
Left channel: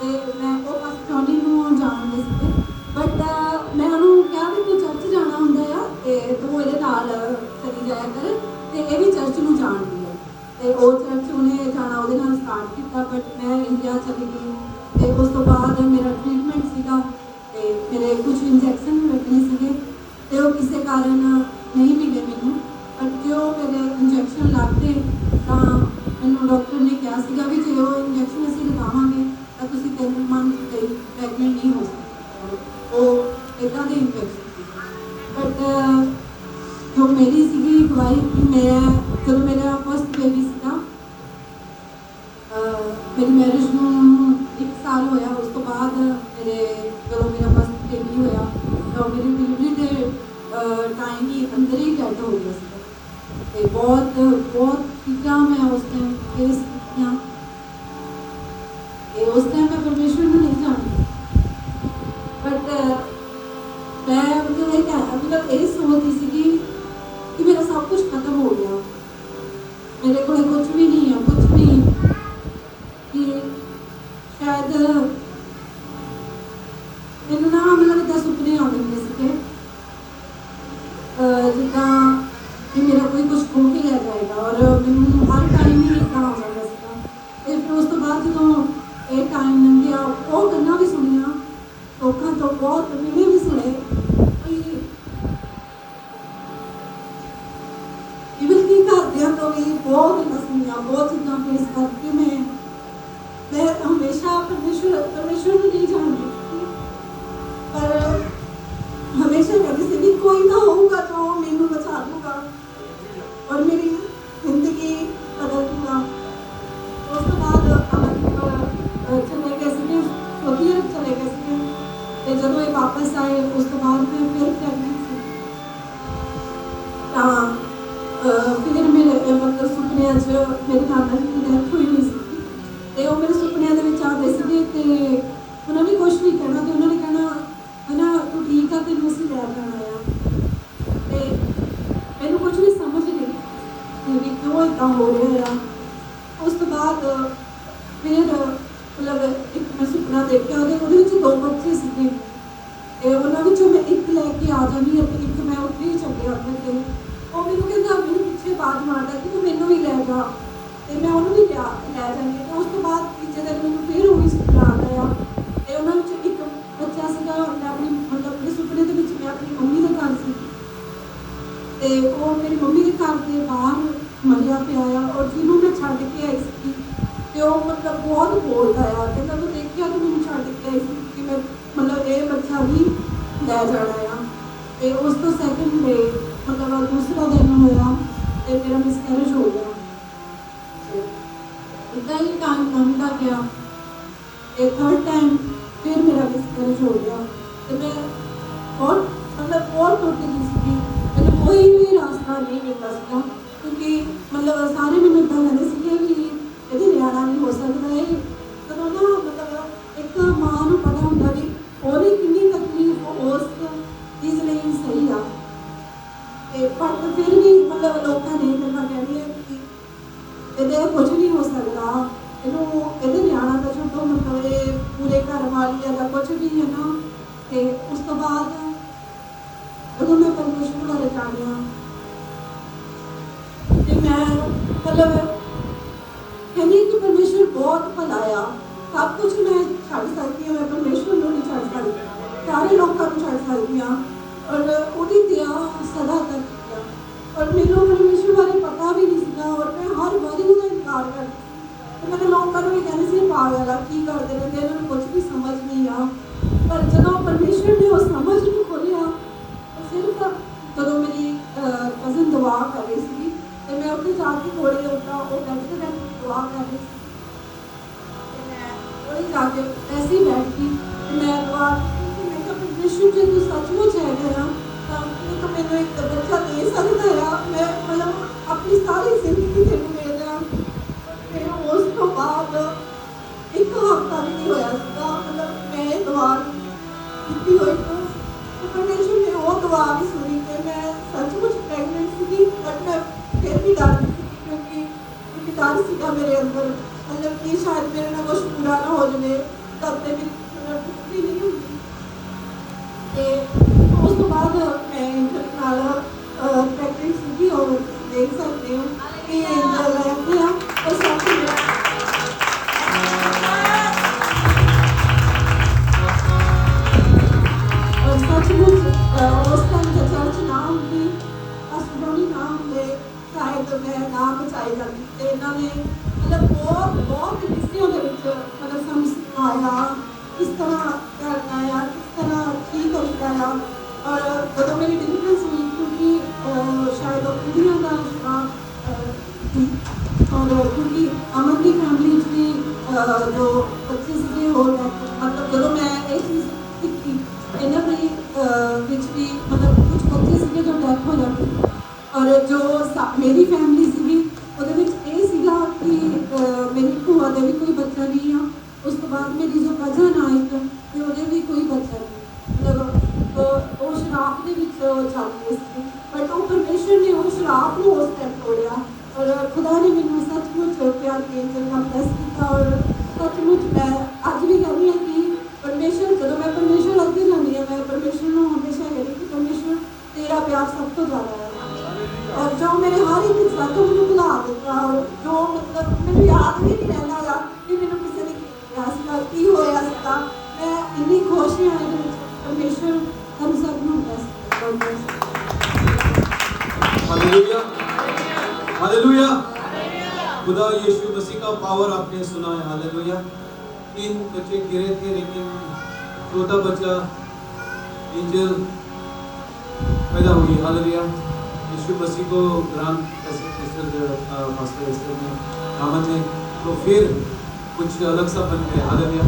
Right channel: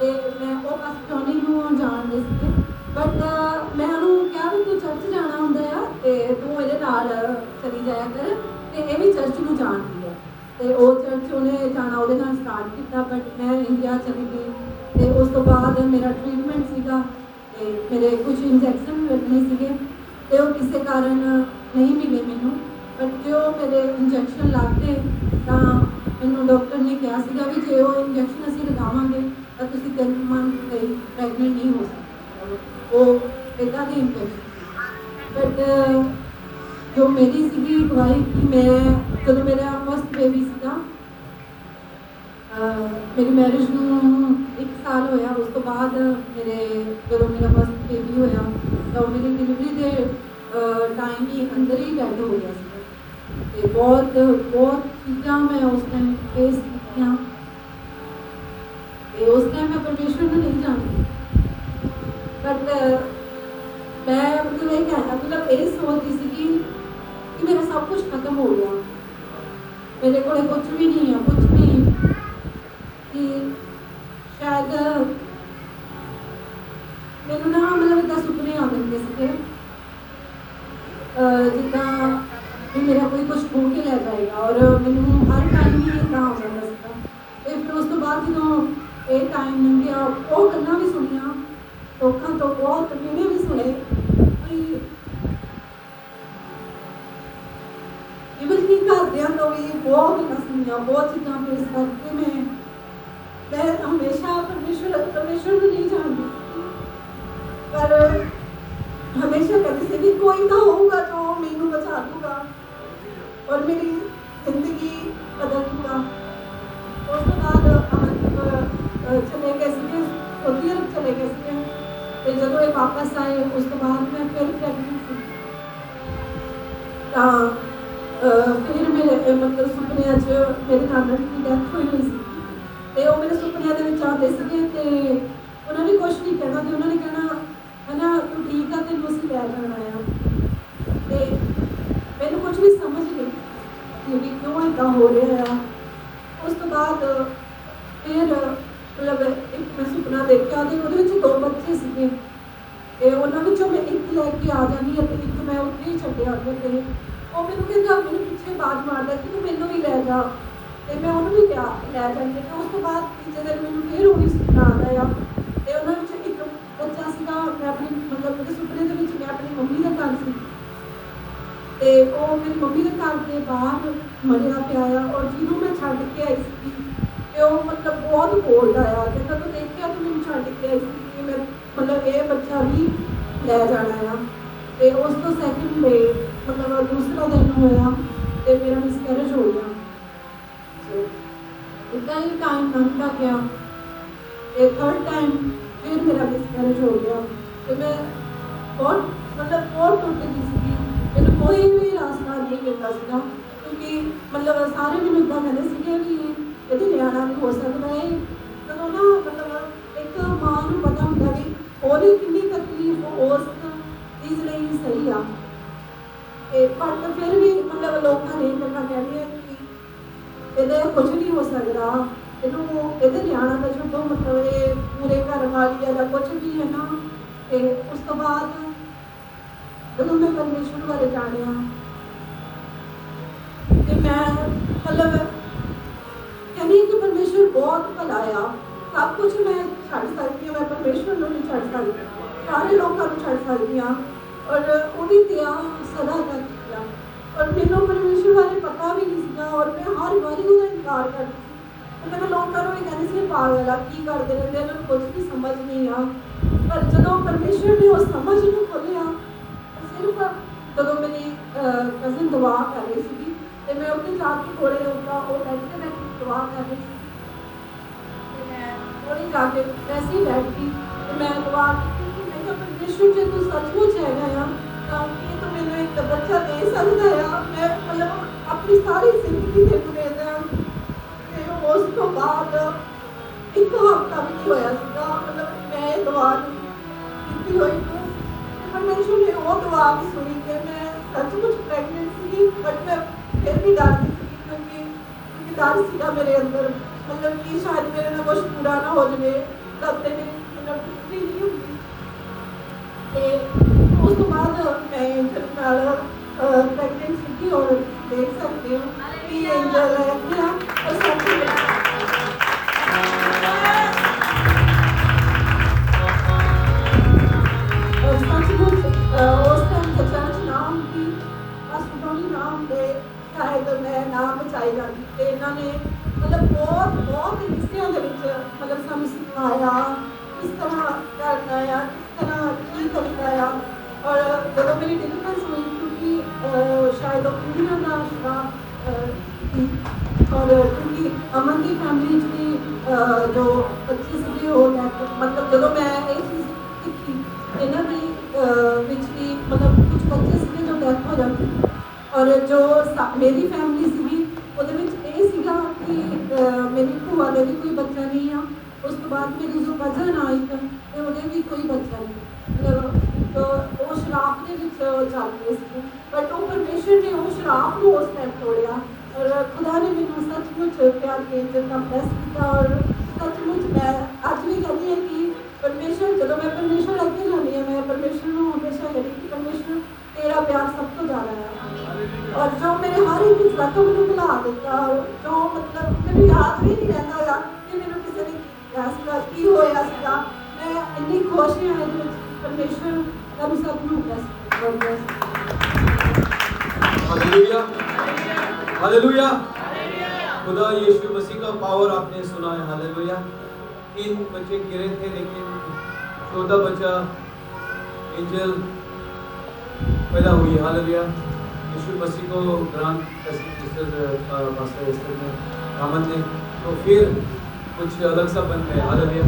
ਤੇ ਮੈਂ ਉਹ ਪਾਸਟੋਨੀ ਨੂੰ ਜਾਣਦੀ ਸੀ। ਬਟ ਮੈਂ ਉਹਨੂੰ ਕਿਹਾ ਵੀ ਤੂੰ ਚਰਚ ਜਾਣਾ ਹੁੰਦਾ ਆ ਤੇ ਤੂੰ ਇਹਦੇ ਨਾਲ ਚਲੀ ਜਾਇਆ ਕਰ ਤੇ ਇਹ ਵੀ ਚਰਚ ਨੂੰ ਜਾਣਦੀ ਹੈ। ਤੇ ਉਹ ਚਰਚ ਉਹਨੇ ਜਾਣਾ ਉਹਦੇ ਨਾਲ ਸਟਾਰਟ ਕੀਤਾ। ਬਟ ਮੈਂ ਇੰਡੀਆ ਚਲੀ ਗਈ ਤੇ ਉਸ ਤੋਂ ਬਾਅਦ ਮੇਰਾ ਟ੍ਰੀਟਮੈਂਟ ਸੀਗਾ ਤੇ ਮੇਰੇ ਕੁਝ ਇੰਜੈਕਸ਼ਨ ਲੱਗਣੇ ਸੀਗੇ ਤੇ ਉਹ ਕਿਸੇ ਕਾਰਨ ਨਹੀਂ ਮਿਲੇ ਮੈਨੂੰ। ਬਟ ਜੋ ਮੇਰੇ ਇੰਜੈਕਸ਼ਨ ਲੱਗਦੇ ਤਾਂ ਮੈਨੂੰ ਡਾਕਟਰ ਨੇ ਕਿਹਾ ਸੀਗਾ ਵੀ ਜੇ ਉਹ ਇੰਜੈਕਸ਼ਨ ਅਸੀਂ ਲਗਾਵਾਂਗੇ ਤਾਂ ਤੁਸੀਂ 3 ਮੰਥ ਤੇ ਪ੍ਰੈਗਨੈਂਟ ਨਹੀਂ ਹੋ ਸਕਦੇ। ਉਹ ਇੱਦਾਂ ਦੇ ਇੰਜੈਕਸ਼ਨ ਸੀ। ਬਟ ਜੋ ਮੇਰੀ ਸੀਗੀ ਗਵਾਹੀ ਕਿ ਮੈਂ ਜਦੋਂ ਮੇਰਾ ਫਸਟ ਬੇਬੀ ਸੀਗਾ, ਮੇਰੀ ਮੈਰਿਜ ਨੂੰ 1 ਸਾਲ ਹੋਇਆ। ਉਸ ਤੋਂ ਬਾਅਦ ਜਦੋਂ ਮੇਰਾ ਫਸਟ ਬੇਬੀ ਹੋਇਆ ਤਾਂ ਮੇਰੀ ਡਿਲੀਵਰੀ ਦੇ ਟਾਈਮ ਹੀ ਅੰਦਰ ਹੀ ਡੈਡ ਹੋ ਗਿਆ ਸੀ। ਤੇ ਬਹੁਤ ਚੀਜ਼ਾਂ ਮੈਂ ਉਸ ਟਾਈਮ ਫੇਸ ਕੀਤੀਆਂ ਤੇ ਉਸ ਟਾਈਮ ਮੈਂ ਪਰਮੇਸ਼ਰ ਨੂੰ ਨਹੀਂ ਜਾਣਦੀ। ਬਟ ਮੈਂ ਮਤਲਬ ਇਹ ਸੋਚਦੀ ਸੀਗੀ ਕਿ ਮੇਰਾ ਸਭ ਕੁਝ ਖਤਮ ਹੋ ਗਿਆ, ਮੇਰੇ ਕੋਲ ਕੁਝ ਵੀ ਨਹੀਂ ਹੈ, ਕੁਝ ਵੀ ਕਿ ਸ਼ਾਇਦ ਮੈਨੂੰ ਨਾ ਮਤਲਬ ਇੱਦਾਂ ਸੁਪਨੇ ਆਉਂਦੇ ਹੁੰਦੇ ਸੀਗੇ ਜਿੱਦਾਂ ਕਿ ਮੇਰਾ ਕੋਈ ਕੁਝ ਖੋ ਕੇ ਲੈ ਜਾਏਗਾ ਔਰ ਮੈਨੂੰ ਹਰ ਟਾਈਮ ਹੀ ਇੱਦਾਂ ਆ ਜਾਂਦਾ ਸੀਗਾ। ਤੇ ਫਿਰ ਉਸ ਤੋਂ ਬਾਅਦ ਜਦੋਂ ਇਹ ਟਾਈਮ ਲੰਘਿਆ, ਉਹ ਗੱਲਾਂ ਵੀ ਸੁਣੀਆਂ ਲੋਕਾਂ ਤੋਂ, ਬਹੁਤ ਵੀਡੀਓ ਵੀ ਸੁਣੇ, ਇਵਨ ਕਿ ਘਰਦਿਆਂ ਤੋਂ ਵੀ ਬਹੁਤ ਗੱਲਾਂ ਸੁਣੀਆਂ, ਬਹੁਤ ਚੀਜ਼ਾਂ ਫੇਸ ਕਰਕੇ ਮੈਂ ਹਮੇਸ਼ਾ ਪਰਮੇਸ਼ਰ ਨੂੰ ਨਹੀਂ ਜਾਣਦੀ ਸੀ। ਪਰ ਹਮੇਸ਼ਾ ਕਹਿੰਦੀ ਸੀ ਵੀ ਕੋਈ ਤਾਂ ਹੋਊਗਾ ਜੋ ਮੈਨੂੰ ਬਚਾ ਦੂਗਾ ਔਰ ਮੇਰੀ ਜ਼ਿੰਦਗੀ ਬਦਲ ਦੂਗਾ। ਉਸ ਤੋਂ ਬਾਅਦ ਚਲੇ ਗਏ ਸੀਗੇ, ਸਊਦੀ ਅਰਬ ਚਲੇ ਗਏ ਸੀਗੇ ਤੇ ਜਦੋਂ ਇਹ ਵਾਪਸ ਆਏ ਉਸ ਤੋਂ ਬਾਅਦ ਮੈਂ ਫਿਰ ਪ੍ਰੈਗਨੈਂਟ ਸੀ। ਤਾਂ ਫਿਰ ਮੇਰੇ ਮਤਲਬ ਸੁਪਨਿਆਂ 'ਚ ਮੇਰੇ ਨਾਨਾ ਜੀ ਦੀ ਡੈਥ ਹੋਈ ਸੀ ਤੇ ਉਹ ਮੇਰੇ ਸੁਪਨਿਆਂ ਦੇ ਵਿੱਚ ਆਉਂਦੇ ਸੀਗੇ ਤੇ ਉਹਨਾਂ ਨੇ ਕੁਛ ਨਹੀਂ ਕਹਿਣਾ ਤੇ ਉਹਨਾਂ ਨੇ ਕਹਿਣਾ ਹਨਾ ਤੂੰ ਠੀਕ ਆ, ਤੈਨੂੰ ਅਸੀਂ ਲੈ ਜਾਣਾ ਆ। ਤੇ ਮੈਨੂੰ ਕੁਛ ਵੀ ਸਮਝ ਨਹੀਂ ਵੀ ਕਿਉਂ ਇੱਦਾਂ ਹੋ ਰਿਹਾ ਆ। ਉਸ ਤੋਂ ਬਾਅਦ ਫਿਰ ਮਤਲਬ ਇੱਕ ਮੈਂ ਸੁਪਨਾ ਦੇਖਿਆ ਤੇ ਉਹਦੇ ਵਿੱਚ 2 ਬੱਚੇ ਸੀਗੇ ਤੇ ਉਹਨਾਂ ਵਿੱਚੋਂ ਮੈਂ ਇੱਕ ਲੈ ਕੇ ਆ ਜਾਂਦੀ ਅਤੇ ਇੱਕ ਮੈਂ ਉੱਥੇ ਹੀ ਛੱਡਿਆ ਆਪਣੇ ਤੇ। ਉਹ ਮੈਨੂੰ ਕਹਿੰਦਾ, ਮੈਨੂੰ ਪਿੱਛੇ ਬਾਤ ਮਾਰਦਾ ਕਿ ਤੂੰ ਮੈਨੂੰ ਵੀ ਲੈ ਜਾ ਤੇ ਮੈਂ ਉਹਨੂੰ ਵੀ ਲੈ ਜਾਂਦੀ। ਤੇ ਉਸ ਤੋਂ ਬਾਅਦ ਤੀਜੇ ਦਿਨ ਮੈਨੂੰ ਫਿਰ ਉਹੀ ਸੁਪਨਾ ਆਉਂਦਾ ਆ ਤੇ ਉਹਨਾਂ ਵਿੱਚ ਇੱਕ ਬੱਚਾ ਸੀਗਾ। ਮੈਂ ਆਪਣੀ ਮਤਲਬ ਮੇਰੇ ਸੁਪਨੇ ਦੇ ਵਿੱਚ ਮੈਂ ਆਪਣੀ ਮੰਮੀ ਦੇ ਘਰ ਸੀ ਤੇ ਉਹ ਮੇਰੀ ਮੰਮੀ ਦੇ ਘਰ ਦੇ ਬਾਹਰ ਮਰਿਆ ਪਿਆ ਆ ਔਰ ਜਿਹਨੂੰ ਮੈਂ ਛੱਡ ਕੇ ਆਈ ਸੀ ਤੇ ਉਹ ਮਤਲਬ ਬਹੁਤ ਬੋਲਦਾ ਆ ਕਿ ਤੂੰ ਦੇਖਿਆ ਤੂੰ ਮੈਨੂੰ ਛੱਡ ਕੇ ਆਈ ਸੀ ਕਿ ਮੈਂ ਮਤਲਬ ਇਹ ਬੱਚਾ ਵੀ ਲੈ ਜਾਣਾ ਆ। ਤੇ ਉਸ ਤੋਂ ਸੈਕਿੰਡ ਡੇ ਮਤਲਬ ਦੂਸਰਾ ਦਿਨ ਹੋਇਆ ਤੇ ਮੇਰਾ ਮਿਸਕੈਰੇਜ ਹੋ ਗਿਆ। ਇੱਦਾਂ ਹੀ ਟਾਈਮ ਲੰਘਦਾ ਗਿਆ ਤੇ 3rd ਟਾਈਮ ਫਿਰ ਮੇਰਾ ਮਿਸਕੈਰੇਜ ਹੋ ਗਿਆ ਤੇ ਮੈਂ ਬਹੁਤ ਟੁੱਟ ਗਈ ਸੀਗੀ। ਮੈਨੂੰ ਕੋਈ ਵੀ ਰਾਸਤਾ ਨਹੀਂ ਮਿਲਦਾ ਸੀਗਾ ਕਿਉਂਕਿ ਮਤਲਬ ਸਾਰੇ ਮੈਨੂੰ ਇੱਦਾਂ ਕਹਿੰਦੇ ਸੀਗੇ ਵੀ ਇਹਦੇ ਨਿਆਣਾ ਨਹੀਂ ਹੋ ਸਕਦਾ। ਇਹ ਜਦੋਂ ਨਾ ਮਤਲਬ ਇੱਕ ਮਾਂ ਨੂੰ ਪਤਾ ਹੁੰਦਾ ਵੀ ਉਹਦੀ ਕਿੰਨੀ ਤਕਲੀਫ ਉਸ ਚੀਜ਼ ਲਈ ਸਹੀ ਆ। ਤੇ ਪਰ ਫਿਰ ਵੀ ਮਤਲਬ ਲੋਕਾਂ ਨੇ ਮੈਨੂੰ ਕਹਿੰਦੇ ਕਿ ਇਹਦੇ ਕੁਝ ਨਹੀਂ ਹੋ ਸਕਦਾ, ਇਹਨੂੰ परमेश्वर बहुत भला आ। सब कुछ मैं छड़ सकती हूँ, मैं परमेश्वर को नहीं छड़ सकती, सारे लोगों को छड़ सकती हूँ और उदी दया सदा तक है। और मैंने परमेश्वर बारे पता भी नहीं सीगा और मैं हर बारी उन्हें इनकार करती थी। मैंने लोगों को भी कहने से पागल आ की करते रहते, उन्होंने कुछ भी समझ नहीं आ। पर जब परमेश्वर ने वो समझ नहीं खोलिया, सिर्फ जब मेरी कजिन दुआ कर रही थी तो मैं उत्ते जाके थोड़े उठा वो बैठे बैठे दुआ कर रही थी, मैं थोड़ी जाके वैसे ही बैठ गई तो मैं दुआ की। मैं कहा परमेश्वर जी तू सचमुच है ना यार, तो मैंने एक बच्चा दे सकता है, मैं मतलब अपनी सारी जिंदगी दे दूँ। फिर उसको बाद एक हफ्ता भी नहीं होया था, मतलब मैं दुआ की हुई तो परमेश्वर ने वो दुआ भी सुनी कि मैं सचमुच प्रेगनेंट थी। बट मैं फिर भी डरती थी क्योंकि डर सीगा मेरे अंदर, मतलब कि शायद मेरे ना कुछ पूरा ना हो जाए, तब तक मेरी भी नहीं होगी। उस तो बाद मैं एंजल नाल प्रेगनेंट थी और देख सकते हो कि एंजल है और सब सचमुच उस टाइम के चर्च नाम की अस्ट्रोनी नाम के शायद मैं नाम बचाई जाती थे। इन्होंने मतलब बहुत किस्सियों के मतलब सानू सिखाया किस तरह करना है, किस तरह ठीक करना है। और जब मेरी डिलीवरेंस हुई क्योंकि शायद कुड़ियों का थी और क्योंकि अमन की फैमिली की जो बच्चे से हो गए, मतलब जब मैं ये चीज़ सीखी इन्होंने भी मतलब कुछ बच्चे से जो डेथ हो जाती और जो मेरी फैमिली सी कि मेरी भूआ का भी कोई बच्चा नहीं है। उस तो बाद मेरी जो कजन आई तो उन्हें भी कोई बच्चा नहीं, मतलब तो वो शराब के चल रहे थे। बट वो परमेश्वर ने वो शराब को उस टाइम तोड़िया और खुदा ने मैंने सचमुच प्यार के जन्म प्लस किया। और सचमुच मैं अज भी कहती हूँ कि परमेश्वर जब मैं परमेश्वर अगे जानी है, मैं परमेश्वर को हमेशा कहती कि परमेश्वर तेरा प्यार सब तो ज़्यादा है। और जो मेरे हर एक इंसान को मैंने भुला देता और जो मतलब मैंने याद भी नहीं रहता गा कि मैंने किसी ने ऐसा की होया सीगा। मैं इन्नी खुश है कि परमेश्वर हम सब ਨੂੰ हालेलुया हालेलुया। खुदा यीशु मसीह का पावर आपने सुना है। हालेलुया। 3 बच्चे गिरे थे लेकिन चौथा बच्चा एंजल पैदा हुई। हालेलुया। यीशु मसीह को ग्रांट पास्टर एस्टर ने रामन ने तो फिर कुछ अलग सा बन गया। हालेलुया।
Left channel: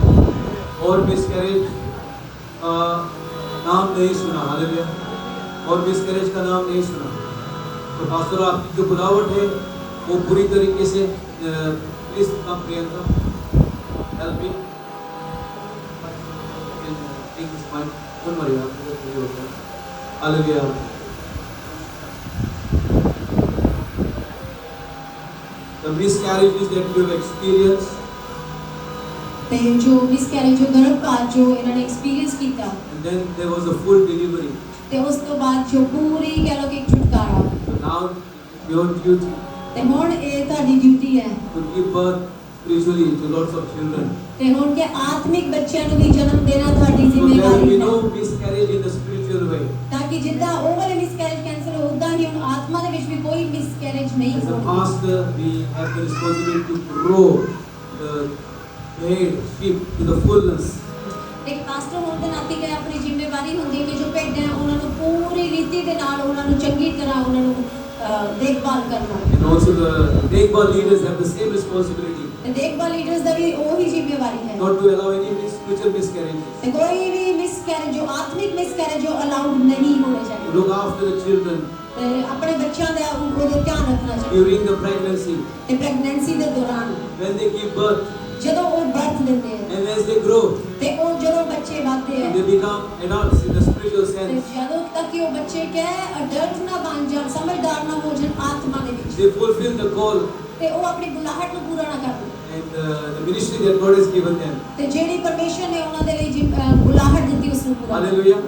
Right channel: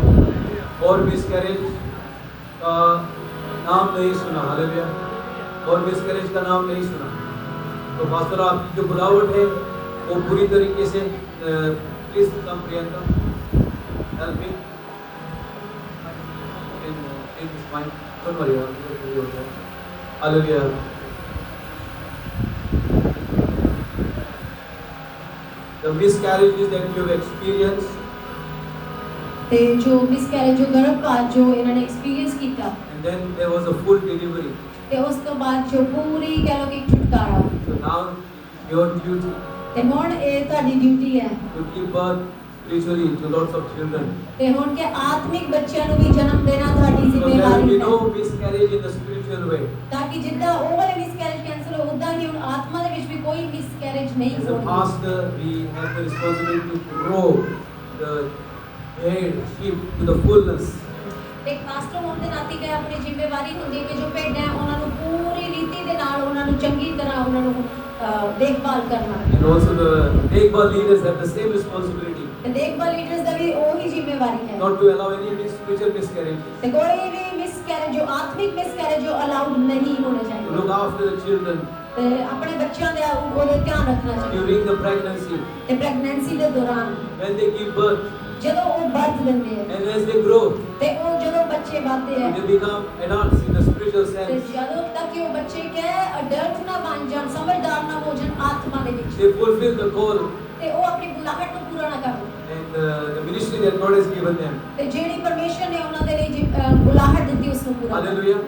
और मिसकैरेज का नाम नहीं सुना। हालेलुया। और मिसकैरेज का नाम नहीं सुना। तो पास्टर आपकी जो बुलावट है वो पूरी तरीके से please come Priyanka help me take this mic don't worry. Hallelujah. The miscarriages that you have experienced, ते जो मिसकैरेज जो गर्भपात जो इन्होंने एक्सपीरियंस किया and then there was a full delivery. ते उस तो बाद जो पूरी कह लो कि छुटकारा So now your duty ते हुन ए ताडी ड्यूटी है to give birth spiritually to lots of children. ते हुन के आत्मिक बच्चों को भी जन्म देना ਤੁਹਾਡੀ So there will ਜ਼ਿੰਮੇਵਾਰੀ be है no miscarriage in the spiritual way. ताकि जिद्दां ਉਹ ਵਾਲੇ ਮਿਸਕੈਰੇਜ ਕੈਂਸਲ ਉਦਾਂ ਹੀ ਹੁਣ ਆਤਮਾ ਦੇ ਵਿੱਚ ਵੀ ਕੋਈ ਮਿਸਕੈਰੇਜ ਨਹੀਂ As a ਹੋਣੀ। pastor, we have the responsibility to grow the head sheep to the fullness. ਇੱਕ ਪਾਸਟਰ ਹੋਣ ਦੇ ਨਾਤੇ ਕਿ ਆਪਣੀ ਜ਼ਿੰਮੇਵਾਰੀ ਹੁੰਦੀ ਕਿ ਜੋ ਭੇਡਾਂ ਹੈ ਉਹਨਾਂ ਨੂੰ ਪੂਰੀ ਰੀਤੀ ਦੇ ਨਾਲ ਉਹਨਾਂ ਨੂੰ ਚੰਗੀ ਤਰ੍ਹਾਂ ਉਹਨਾਂ ਨੂੰ ਦੇਖਭਾਲ ਕਰਨਾ। And also the Dekbal leaders have the same responsibility. ਤੇ ਦੇਖਭਾਲ ਲੀਡਰਸ ਦਾ ਵੀ ਉਹੀ ਜ਼ਿੰਮੇਵਾਰੀ ਹੈ Not to allow any future miscarriages. ਤੇ ਕੋਈ ਵੀ ਮਿਸਕੈਰੇਜ ਜੋ ਆਤਮਿਕ ਮਿਸਕੈਰੇਜ ਜੋ ਅਲਾਉਡ ਨਹੀਂ ਹੋਣੇ To ਚਾਹੀਦੇ look after the children ਤੇ ਆਪਣੇ ਬੱਚਿਆਂ ਦਾ ਉਹਦੇ ਧਿਆਨ ਰੱਖਣਾ ਚਾਹੀਦਾ during the pregnancy, ਤੇ ਪ੍ਰੈਗਨੈਂਸੀ ਦੇ ਦੌਰਾਨ when they give birth, ਜਦੋਂ ਉਹ ਬਰਥ ਲੈਂਦੇ ਆ and as they grow, ਤੇ ਉਹ ਜਦੋਂ ਬੱਚੇ ਵੱਧਦੇ ਆ they become adults in the spiritual ਤੇ sense. ਜਦੋਂ ਤੱਕ ਕਿ ਉਹ ਬੱਚੇ ਕਹੇ ਅਡਲਟ ਨਾ ਬਣ ਜਾਣ ਸਮਝਦਾਰ ਨਾ ਹੋ ਜਾਣ ਆਤਮਾ ਦੇ ਵਿੱਚ They fulfill the call ਤੇ ਉਹ ਆਪਣੀ ਗੁਲਾਹਟ ਨੂੰ ਪੂਰਾ ਨਾ ਕਰਨ and the ministry that God has given them. ਤੇ ਜਿਹੜੀ ਪਰਮੇਸ਼ਰ ਨੇ ਉਹਨਾਂ ਦੇ ਲਈ ਗੁਲਾਹਟ ਦਿੱਤੀ ਉਸ ਨੂੰ ਪੂਰਾ ਕਰੋ। Hallelujah.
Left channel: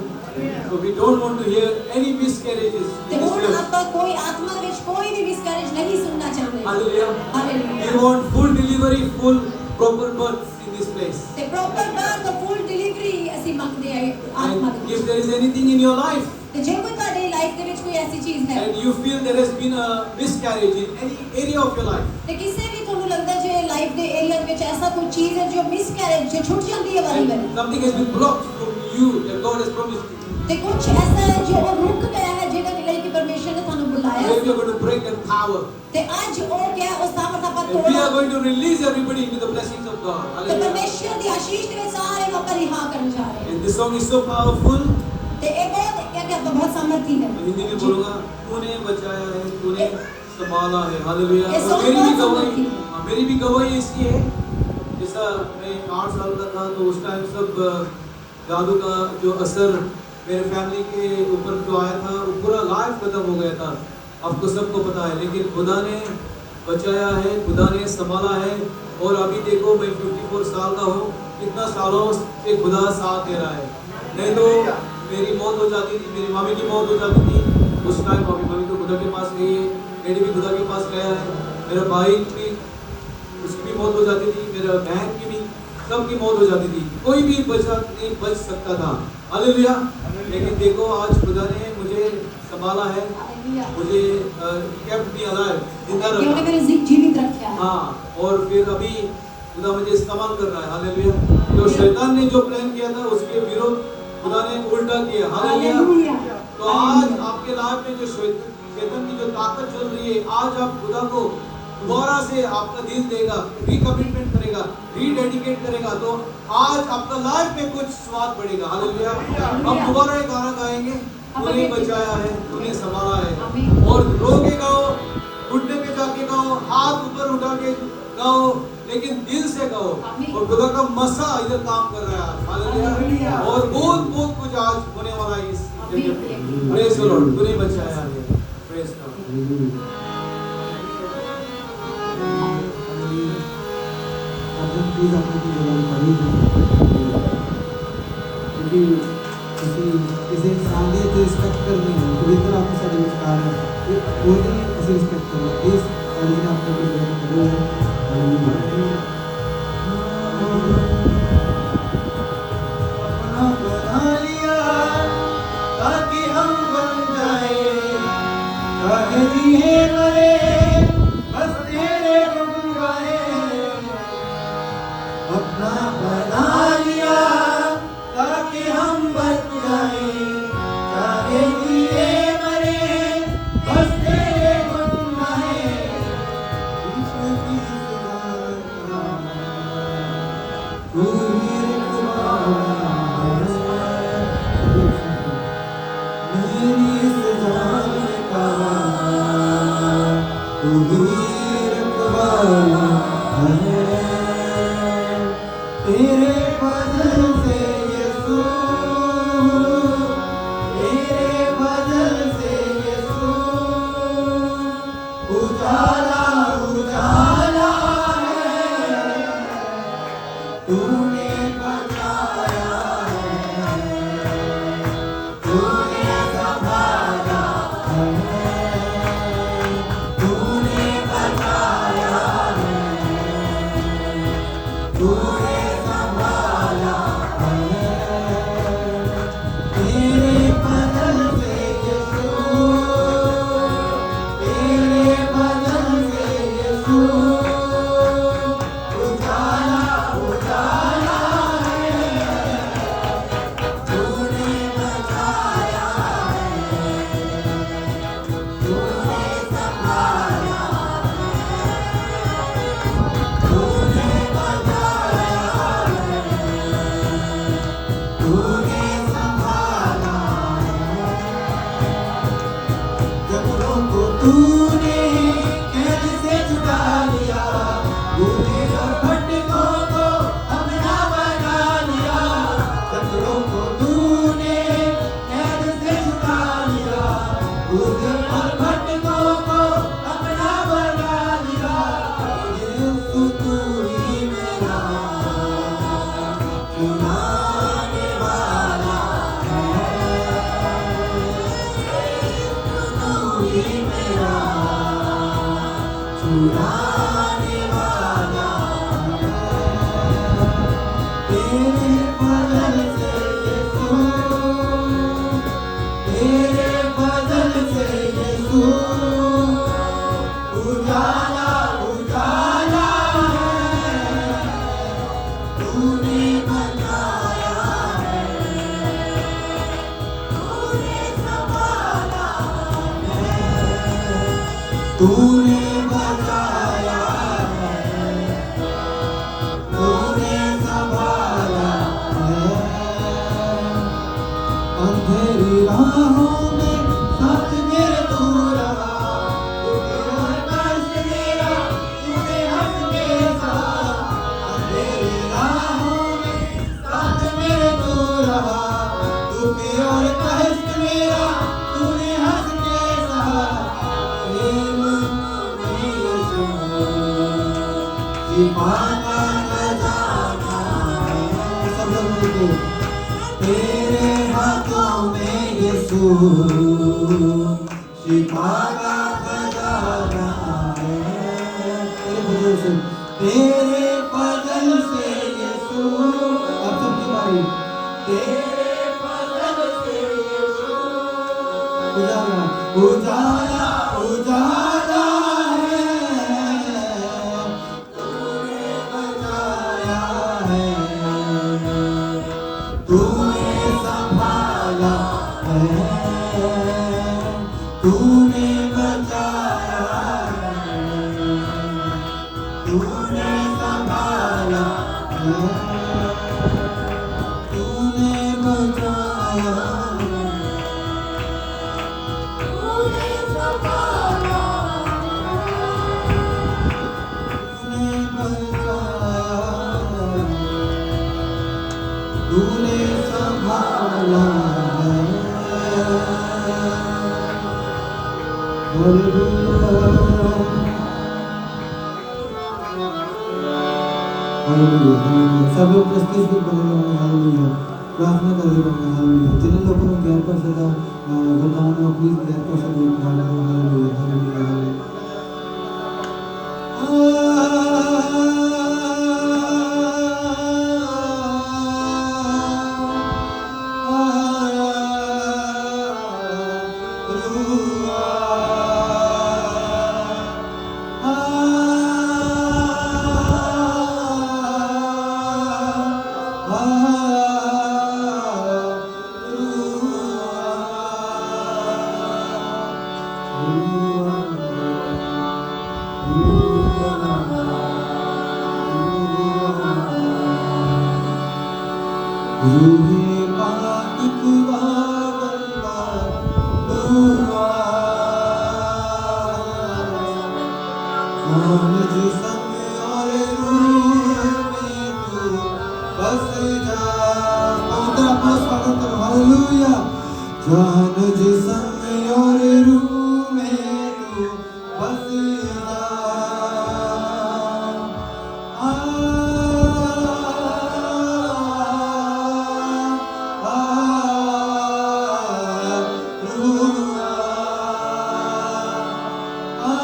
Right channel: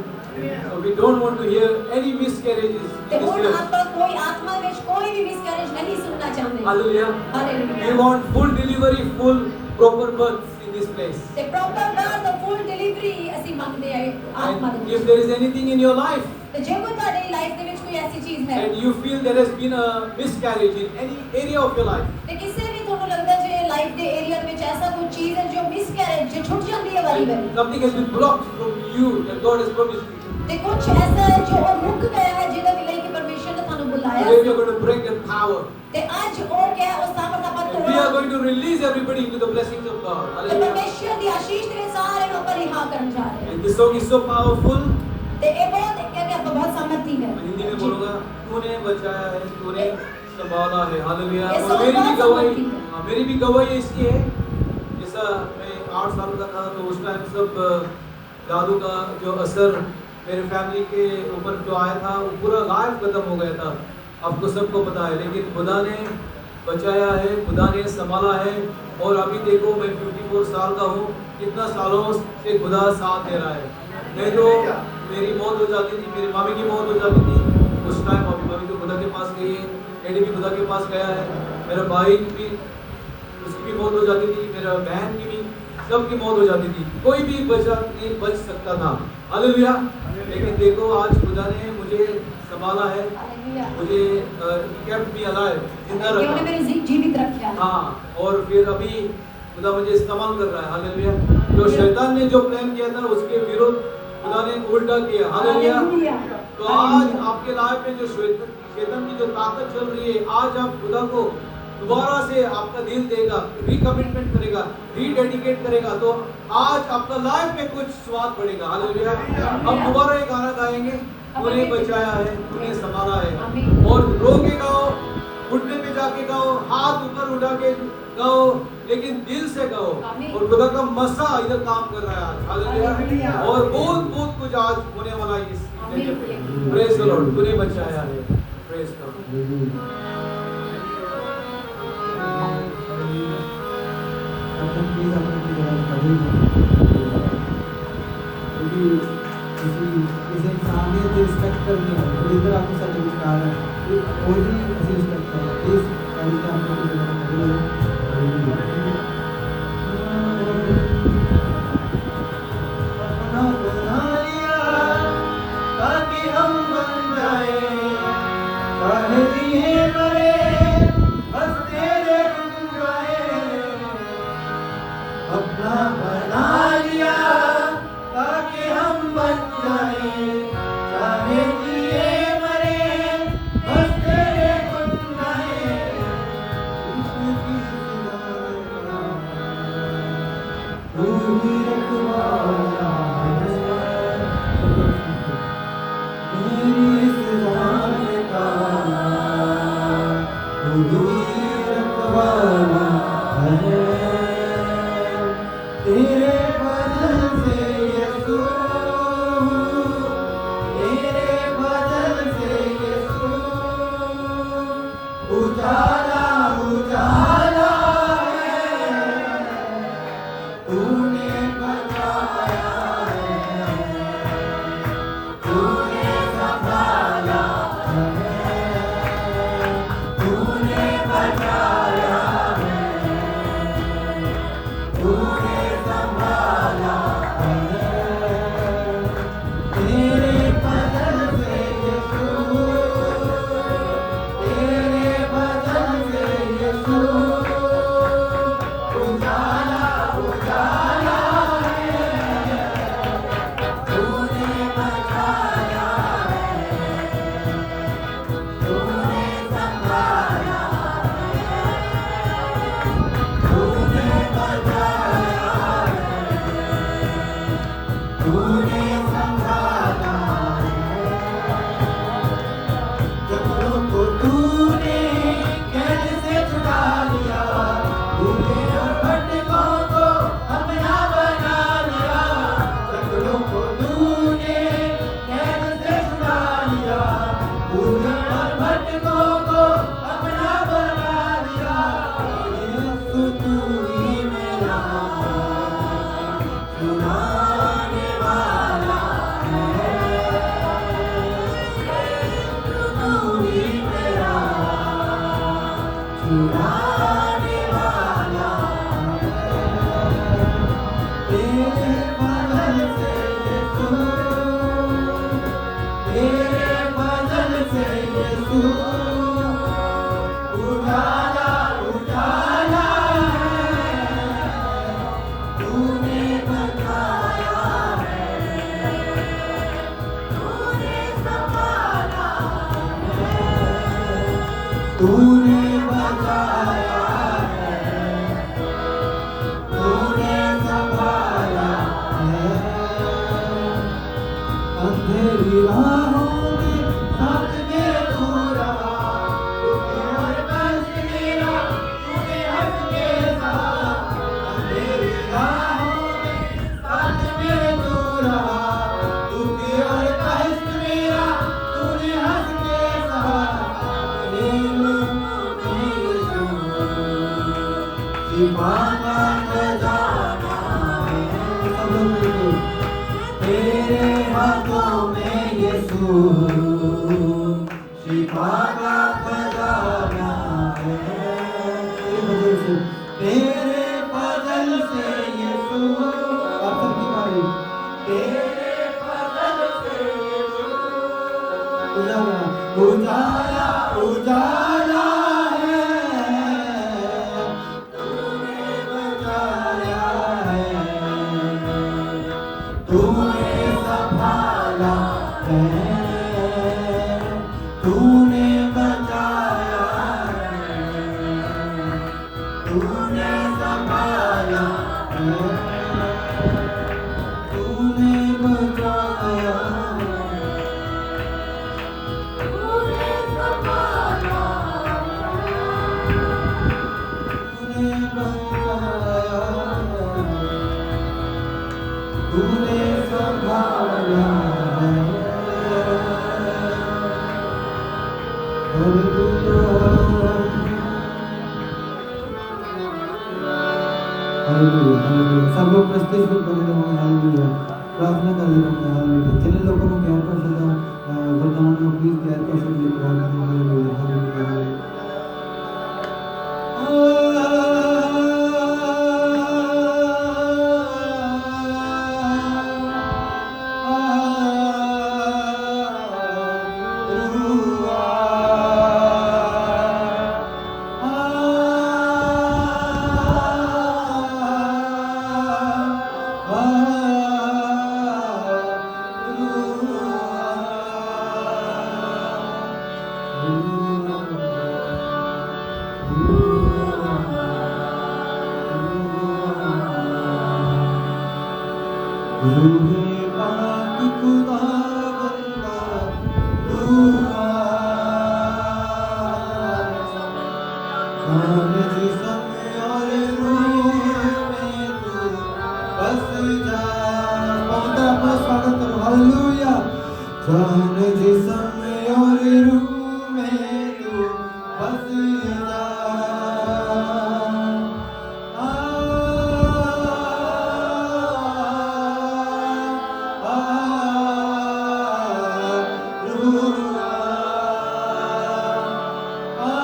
So we don't want to hear any miscarriages in ਤੇ this ਹੁਣ church. ਆਪਾਂ ਕੋਈ ਆਤਮਾ ਵਿੱਚ ਕੋਈ ਵੀ ਮਿਸਕੈਰੇਜ ਨਹੀਂ ਸੁਣਨਾ ਚਾਹੁੰਦੇ। Hallelujah. Hallelujah. We want full delivery, full proper birth in this place. ਤੇ ਪ੍ਰੋਪਰ ਬਰਥ ਫੁੱਲ ਡਿਲੀਵਰੀ ਅਸੀਂ ਮੰਗਦੇ ਹਾਂ ਆਤਮਾ And ਦੇ। if there is anything in your life ਤੇ ਜੇ ਕੋਈ ਤੁਹਾਡੀ ਲਾਈਫ ਦੇ ਵਿੱਚ ਕੋਈ ਐਸੀ ਚੀਜ਼ ਹੈ and you feel there has been a miscarriage in any area of your life, ਤੇ ਕਿਸੇ ਵੀ ਤੁਹਾਨੂੰ ਲੱਗਦਾ ਜੇ ਲਾਈਫ ਦੇ ਏਰੀਆ ਦੇ ਵਿੱਚ ਐਸਾ ਕੋਈ ਚੀਜ਼ ਹੈ ਜੋ ਮਿਸਕੈਰੇਜ ਜੋ ਛੁੱਟ ਜਾਂਦੀ ਹੈ ਵਾਰੀ ਵਾਰੀ and something has been blocked from you that God has promised you. ਤੇ ਕੁਝ ਐਸਾ ਹੈ ਜੋ ਉਹ ਰੁਕ ਗਿਆ ਹੈ ਜਿਹਦੇ ਲਈ ਕਿ ਪਰਮੇਸ਼ਰ ਨੇ ਤੁਹਾਨੂੰ ਬੁਲਾਇਆ Today we C. are going to break that power. ਤੇ ਅੱਜ ਉਹ ਕਿਹਾ ਉਸ ਤਾਕਤ ਆਪਾਂ And we are ਤੋੜਾਂਗੇ going to release everybody into the blessings of God. ਤੇ Hallelujah. ਪਰਮੇਸ਼ਰ ਦੀ ਆਸ਼ੀਸ਼ ਦੇ ਵਿੱਚ ਸਾਰੇ ਲੋਕਾਂ ਰਿਹਾ ਕਰਨ ਜਾ ਰਹੇ And this song is so powerful. ਤੇ ਇਹ ਬਹੁਤ क्या कहता बहुत सामर्थी है। मैं हिंदी में बोलूंगा, तूने बचाया है, तूने संभाला है। हालेलुया। ये और song मेरी भी बहुत गवाही, सामर्थी है। हाँ, मेरी भी गवाही इसकी है। जैसा मैं 8 साल का था तो उस टाइम सब जादू का जो असर मेरे फैमिली के ऊपर जो आया था वो पूरा गायब खत्म हो गया था। आपको सबको पता है, लेकिन खुदा ने बचाया है, खुदा ने संभाला है। और अभी देखो मैं 54 साल का हूँ, कितना सालों से खुदा साथ दे रहा है। नहीं तो मेरी मौत हो जाती थी, मेरी मम्मी की मौत हो जाती थी उस टाइम। मम्मी तो खुदा के पास गई, डैडी भी खुदा के पास गया है, मेरा भाई भी उसकी भी मौत हो जाती थी, मेरा बहन की भी, सबकी मौत हो जाती थी, कोई भी नहीं बच सकता था। हालेलुया। लेकिन देखो आज खुदा ने मुझे संभाला है, मुझे केप्ट मी अलाइव, जिंदा उन्होंने रखा। मेरे जीवित रखा है। हाँ, और फिर अभी खुदा मुझे इस्तेमाल कर रहा है। हालेलुया। जो शैतान ने जो प्लान किया था उसके विरोध खुदा ने उल्टा किया। हालेलुया। तो आज आपके लाइफ में जो शैतान की जो ताकत चल रही है, आज आप खुदा को दोबारा से आपका दिल देगा, रिकमिटमेंट करेगा, रीडेडिकेट करेगा, तो आज आपका लाइफ में कुछ स्वाद बढ़ेगा। हालेलुया। हम दोबारा ये गाना गाएंगे, तूने बचाया है, तूने संभाला है। और रो के गाओ, घुटने पे जाके गाओ, हाथ ऊपर उठा के गाओ, लेकिन दिल से गाओ। और खुदा का मसा इधर काम कर रहा है। हालेलुया। और बहुत बहुत कुछ आज होने वाला है इस जगह पे। Praise the Lord. तूने बचाया है। Praise God. प्लीज अपनी जगह खड़ी क्योंकि इस इंसानियत रिस्पेक्ट करनी है तो इधर आपको सारी विस्तार है वो भी रिस्पेक्ट करना प्लीज सारी आपको जगह खड़ी अपना बना लिया ताकि हम बन जाए कहे दिए मरे बस तेरे गुण गाए अपना बना लिया ताकि हम बन जाए चाहे जिए मरे बस तेरे गुण गाए ईश्वर की सजा तू ही रखवाला मेरी सजा का तू ही रखवाला है तेरे बदल से यीशु तेरे बदल से यीशु उजाला उजाला है तूने बचाया है तूने संभाला है तूने बचाया है तूने संभाला है तेरे बदल से यीशु तेरे बदल से यीशु उजाला उजाला है तूने बचाया है तूने संभाला है तूने बचाया तूने बचाया है, तूने संभाला है। अंधेरी राहों में साथ मेरे तू रहा, तूने हर कष्ट मेरा तूने हंस के सहा। अंधेरी राहों में साथ मेरे तू रहा, तूने हर कष्ट मेरा तूने हंस के सहा। प्रेम में यीशु दीवाना खजाना है। सब लोग मिलके तेरे हाथों में यीशु शिफा का खजाना है। तेरे फजल से यीशु, अब सबकी बारी। तेरे फजल से यीशु उजाला उजाला उजाला है, तूने बचाया है, तूने संभाला है, तूने बचाया है, तूने संभाला है, तूने बचाया है, तूने संभाला है, तूने संभाला है। सब लोग प्रस्तुत भी कर रहे हैं, हालेलुया, प्रार्थना कर रहे हैं, हालेलुया। जिन लोगों को ज्ञान पर सदा वर्तमान में प्लीज ज्ञान पर सदा हालेलुया, हालेलुया, हालेलुया। जान जिस्म और रूह में तू बस जा। आ, आ, रूह आ,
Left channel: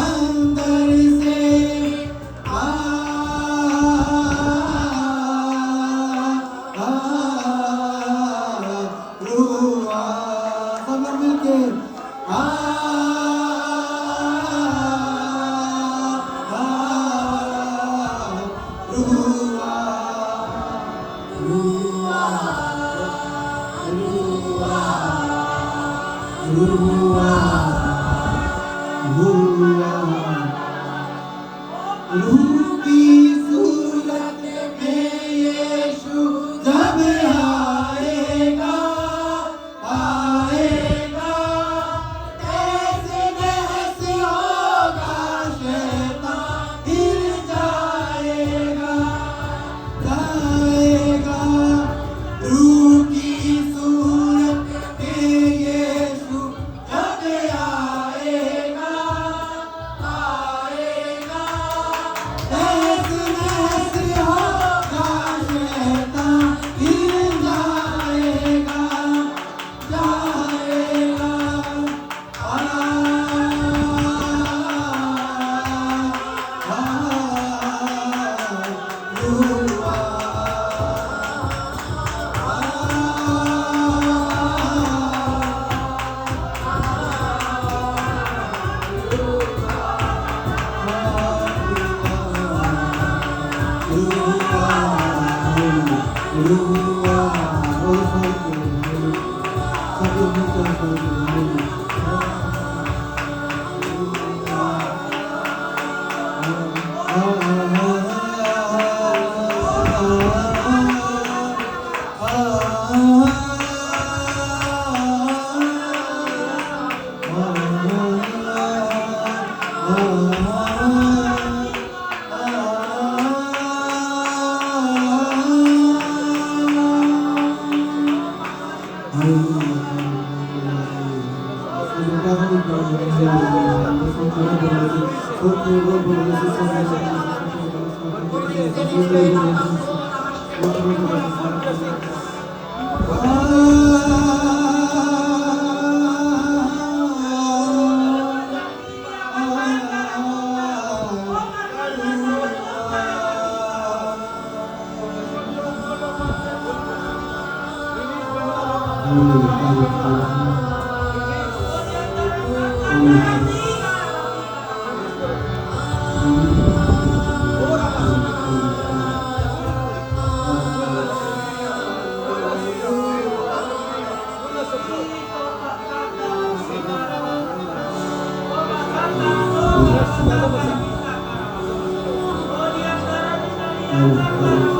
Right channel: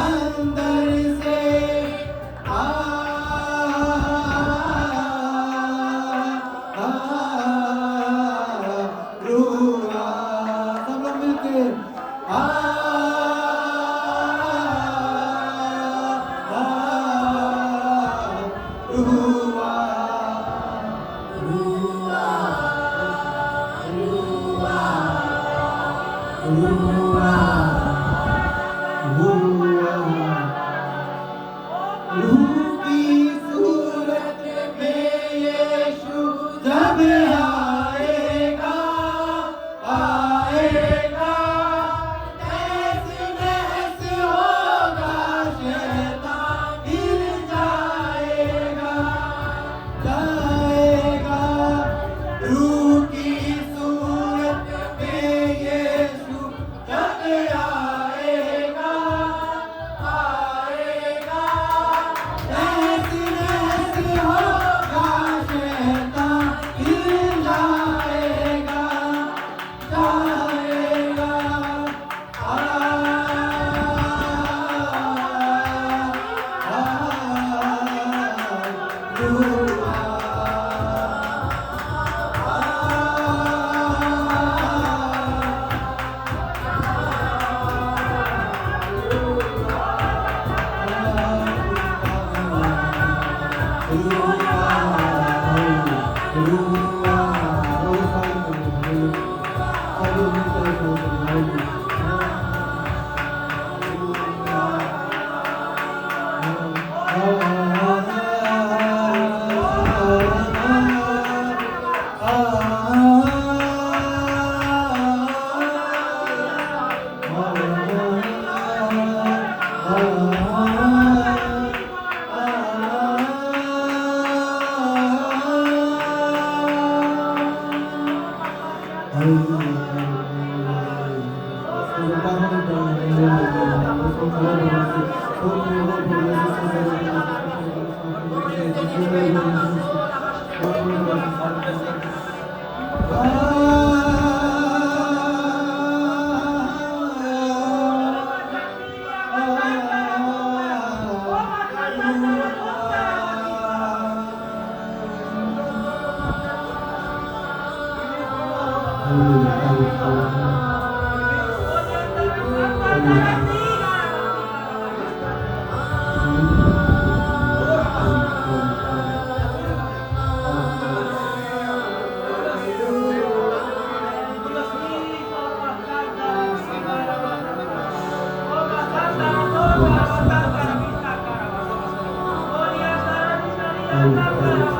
अंदर से रूह की सूरत में यीशु जब आएगा आएगा ऐसे जैसे होगा शैतान गिर जाएगा जाएगा रूह की सूरत में यीशु जब आएगा आएगा ऐसे जैसे होगा शैतान गिर जाएगा जाएगा Oh,